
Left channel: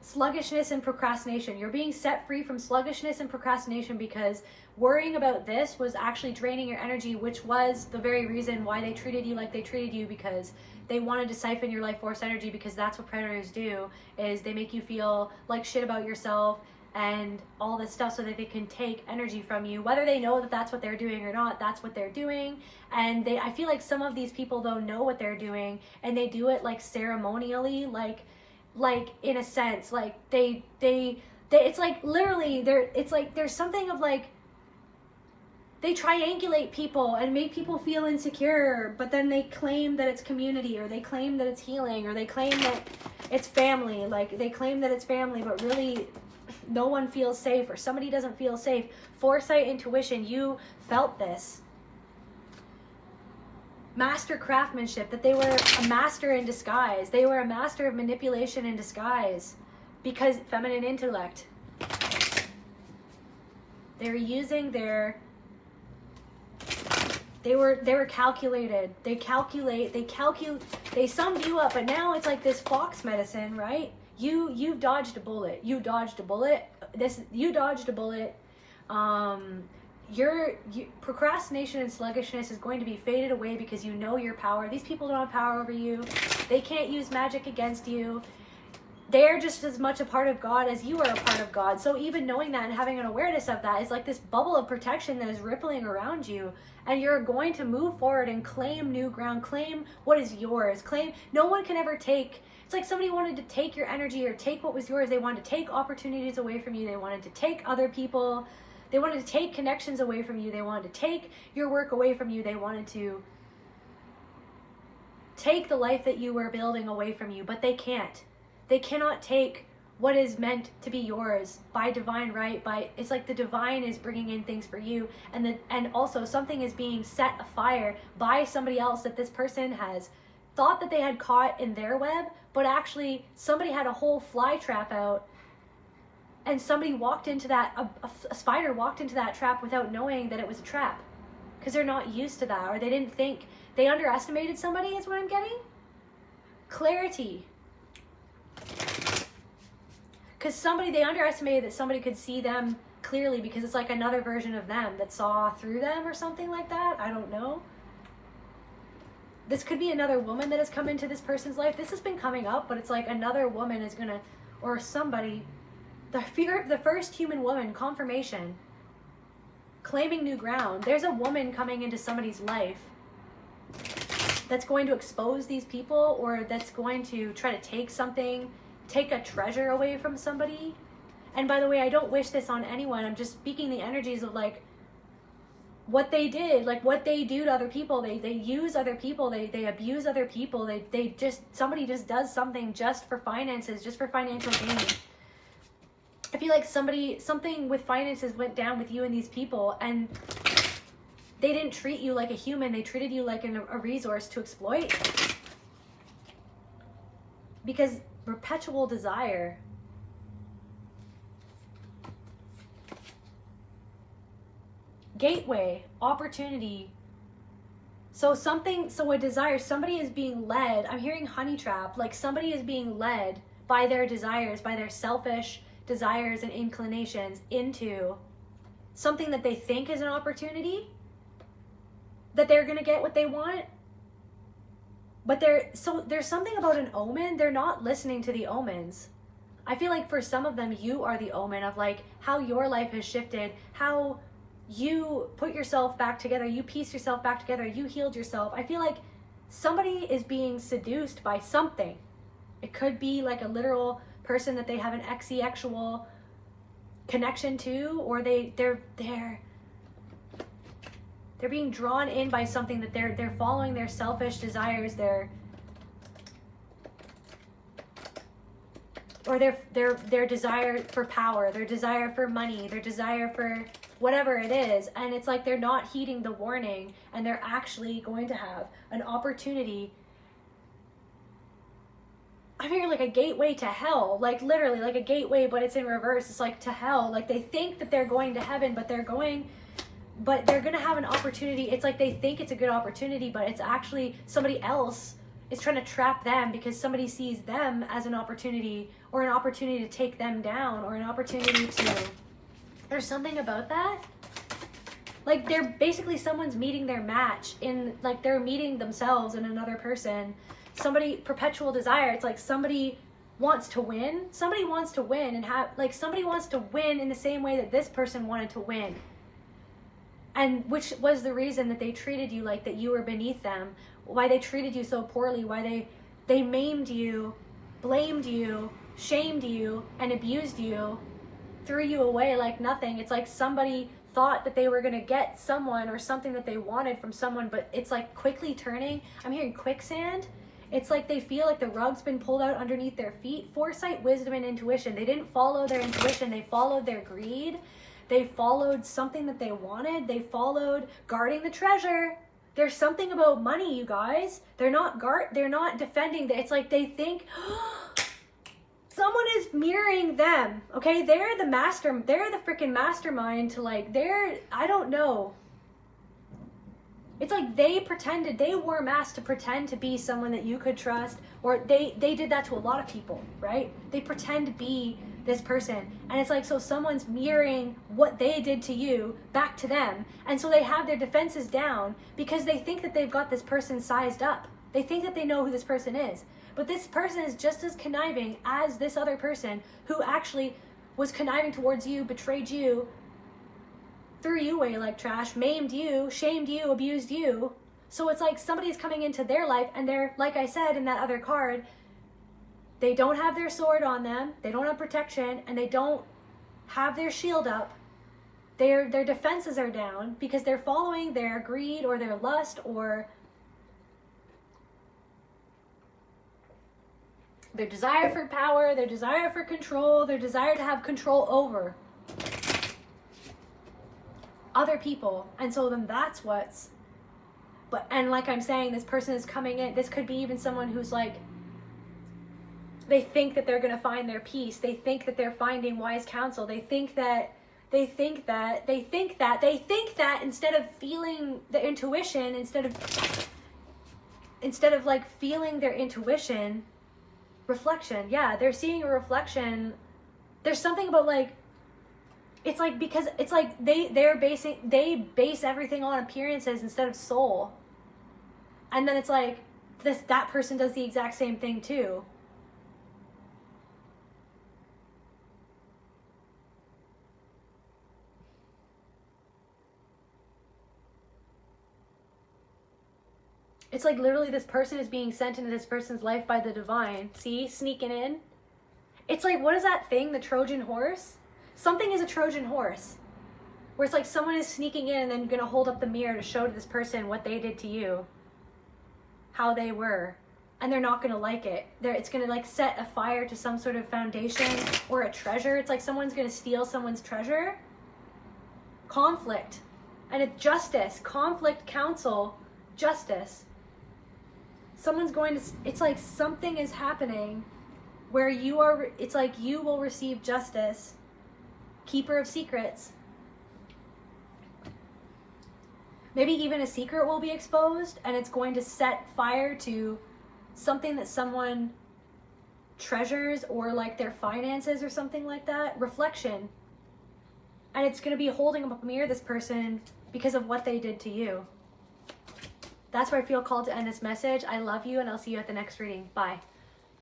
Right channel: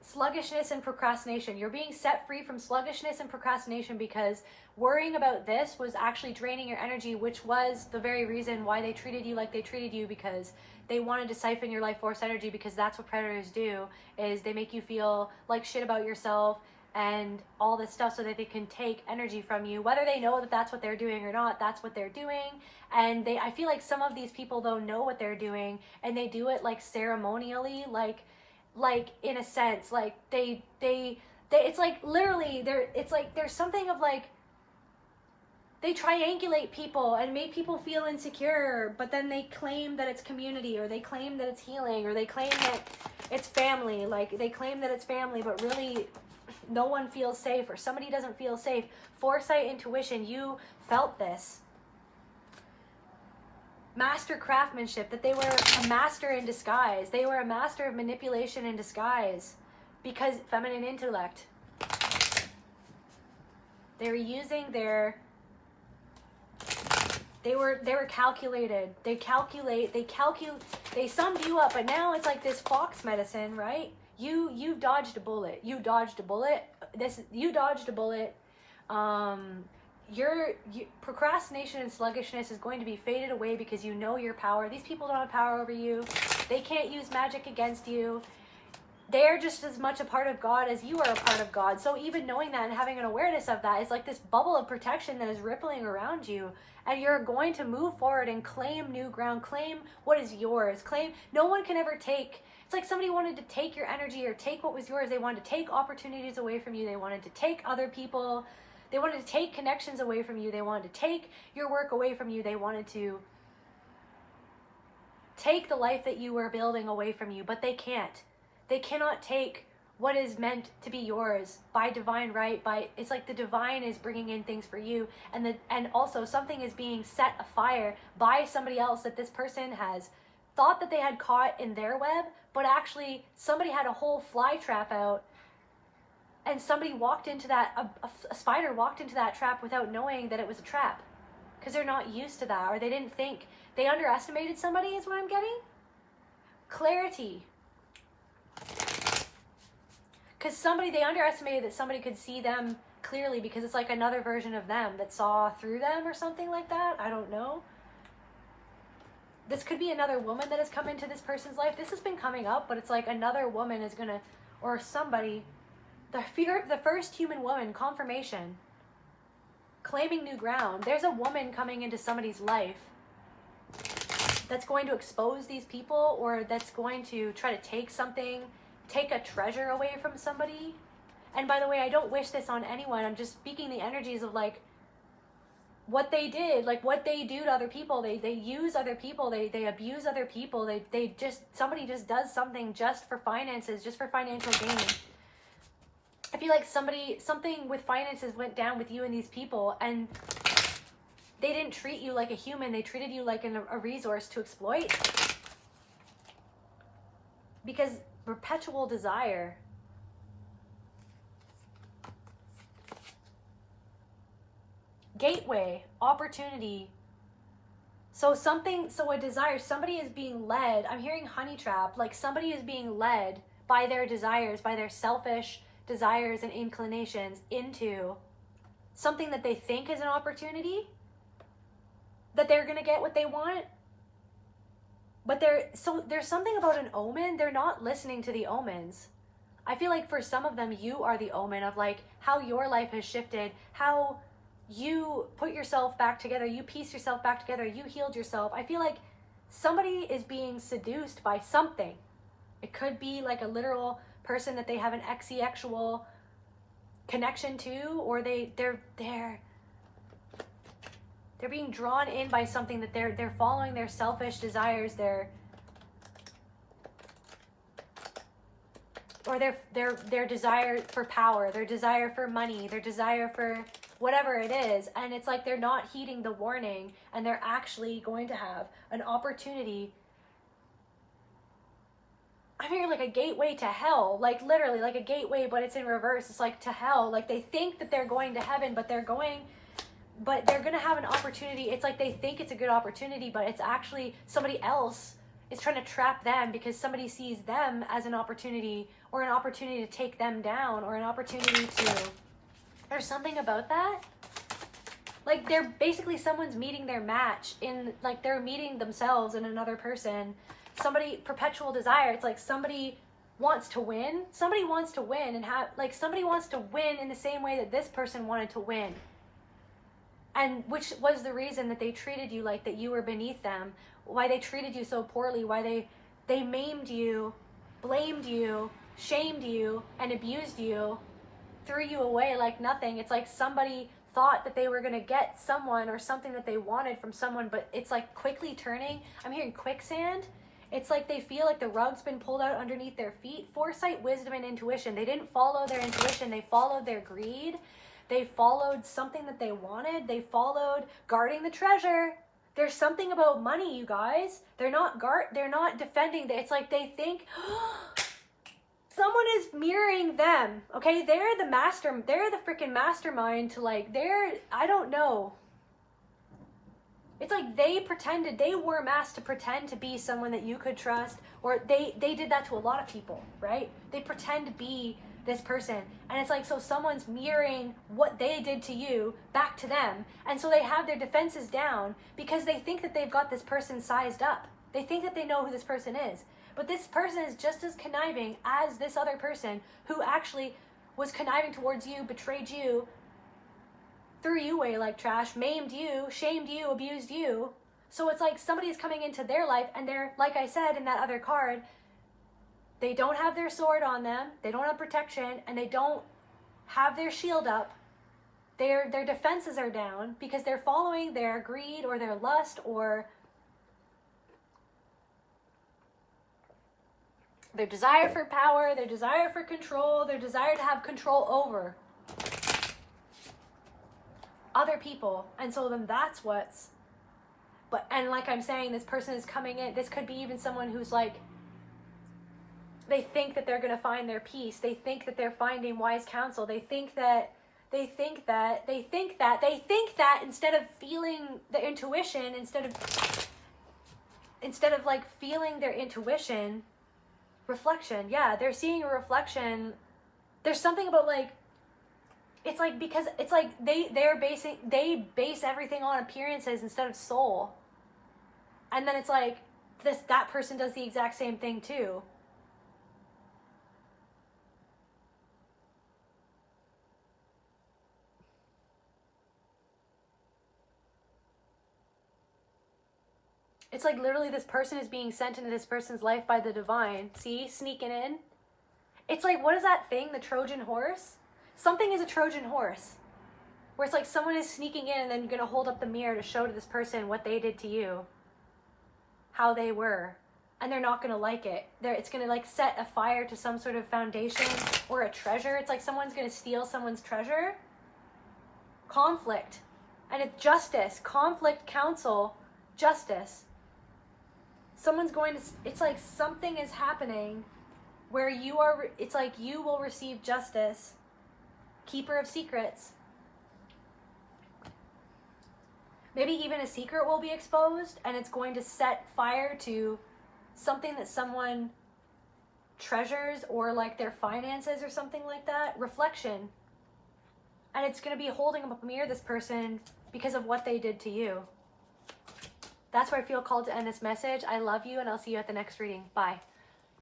sluggishness and procrastination. You're being set free from sluggishness and procrastination because worrying about this was actually draining your energy, which was the very reason why they treated you like they treated you, because they wanted to siphon your life force energy, because that's what predators do, is they make you feel like shit about yourself and all this stuff so that they can take energy from you. Whether they know that that's what they're doing or not, that's what they're doing. And I feel like some of these people though know what they're doing, and they do it like ceremonially, like in a sense, like they it's like literally it's like there's something of like they triangulate people and make people feel insecure, but then they claim that it's community, or they claim that it's healing, or they claim that it's family. Like they claim that it's family, but really no one feels safe, or somebody doesn't feel safe. Foresight, intuition, you felt this. Master craftsmanship, that they were a master in disguise. They were a master of manipulation in disguise, because feminine intellect. They were using their, they were calculated. They summed you up, but now it's like this fox medicine, right? You dodged a bullet. You dodged a bullet. You dodged a bullet. Your procrastination and sluggishness is going to be faded away because you know your power. These people don't have power over you. They can't use magic against you. They're just as much a part of God as you are a part of God. So even knowing that and having an awareness of that is like this bubble of protection that is rippling around you. And you're going to move forward and claim new ground. Claim what is yours. Claim, no one can ever take. It's like somebody wanted to take your energy or take what was yours. They wanted to take opportunities away from you. They wanted to take other people. They wanted to take connections away from you. They wanted to take your work away from you. They wanted to take the life that you were building away from you, but they can't. They cannot take what is meant to be yours by divine right. It's like the divine is bringing in things for you, and also something is being set afire by somebody else that this person has thought that they had caught in their web, but actually somebody had a whole fly trap out. And somebody walked into that, a spider walked into that trap without knowing that it was a trap. Because they're not used to that, or they didn't think, they underestimated somebody is what I'm getting. Clarity. Because they underestimated that somebody could see them clearly, because it's like another version of them that saw through them or something like that. I don't know. This could be another woman that has come into this person's life. This has been coming up, but it's like another woman is gonna, or somebody, the first human woman, confirmation, claiming new ground. There's a woman coming into somebody's life that's going to expose these people, or that's going to try to take something, take a treasure away from somebody. And by the way, I don't wish this on anyone. I'm just speaking the energies of like what they did, like what they do to other people. They use other people, they abuse other people, somebody just does something just for finances, just for financial gain. I feel like something with finances went down with you and these people, and they didn't treat you like a human. They treated you like a resource to exploit. Because perpetual desire. Gateway, opportunity. So a desire, somebody is being led. I'm hearing honey trap, like somebody is being led by their desires, by their selfish desires and inclinations into something that they think is an opportunity, that they're gonna get what they want. But there's something about an omen. They're not listening to the omens. I feel like for some of them, you are the omen of like how your life has shifted, how you put yourself back together, you piece yourself back together, you healed yourself. I feel like somebody is being seduced by something. It could be like a literal person that they have an exi-actual connection to, or they're being drawn in by something that they're following their selfish desires, their desire for power, their desire for money, their desire for whatever it is. And it's like they're not heeding the warning, and they're actually going to have an opportunity. I'm hearing like a gateway to hell, like literally like a gateway, but it's in reverse. It's like to hell. Like they think that they're going to heaven, but they're going to have an opportunity. It's like they think it's a good opportunity, but it's actually somebody else is trying to trap them because somebody sees them as an opportunity, or an opportunity to take them down, or an opportunity to, there's something about that. Like they're basically, someone's meeting their match in, like they're meeting themselves in another person. Somebody, perpetual desire. It's like somebody wants to win. Somebody wants to win and have, like somebody wants to win in the same way that this person wanted to win. And which was the reason that they treated you like that you were beneath them, why they treated you so poorly, why they maimed you, blamed you, shamed you, and abused you, threw you away like nothing. It's like somebody thought that they were going to get someone or something that they wanted from someone, but it's like quickly turning. I'm hearing quicksand. It's like they feel like the rug's been pulled out underneath their feet. Foresight, wisdom, and intuition. They didn't follow their intuition. They followed their greed. They followed something that they wanted. They followed guarding the treasure. There's something about money, you guys. They're not defending. It's like they think someone is mirroring them. Okay, they're the master. They're the freaking mastermind to like. I don't know. It's like they wore masks to pretend to be someone that you could trust, or they did that to a lot of people, right? They pretend to be this person, and it's like, so someone's mirroring what they did to you back to them, and so they have their defenses down because they think that they've got this person sized up. They think that they know who this person is, but this person is just as conniving as this other person who actually was conniving towards you, betrayed you, threw you away like trash, maimed you, shamed you, abused you. So it's like somebody's coming into their life, and they're, like I said in that other card, they don't have their sword on them, they don't have protection, and they don't have their shield up. Their defenses are down because they're following their greed or their lust or their desire for power, their desire for control, their desire to have control over other people. And so then that's what's, and like I'm saying, this person is coming in. This could be even someone who's like, they think that they're going to find their peace. They think that they're finding wise counsel. They think that instead of feeling the intuition, instead of like feeling their intuition, reflection. Yeah, they're seeing a reflection. There's something about like, it's like, because it's like they base everything on appearances instead of soul. And then it's like that person does the exact same thing too. It's like literally this person is being sent into this person's life by the divine. See, sneaking in. It's like, what is that thing, the Trojan horse? Something is a Trojan horse, where it's like someone is sneaking in and then gonna hold up the mirror to show to this person what they did to you, how they were, and they're not gonna like it. It's gonna like set a fire to some sort of foundation or a treasure. It's like someone's gonna steal someone's treasure. Conflict, and it's justice, conflict, counsel, justice. Someone's going to, it's like something is happening where you are, it's like you will receive justice. Keeper of secrets. Maybe even a secret will be exposed, and it's going to set fire to something that someone treasures, or like their finances or something like that. Reflection. And it's going to be holding up a mirror, this person, because of what they did to you. That's where I feel called to end this message. I love you, and I'll see you at the next reading. Bye.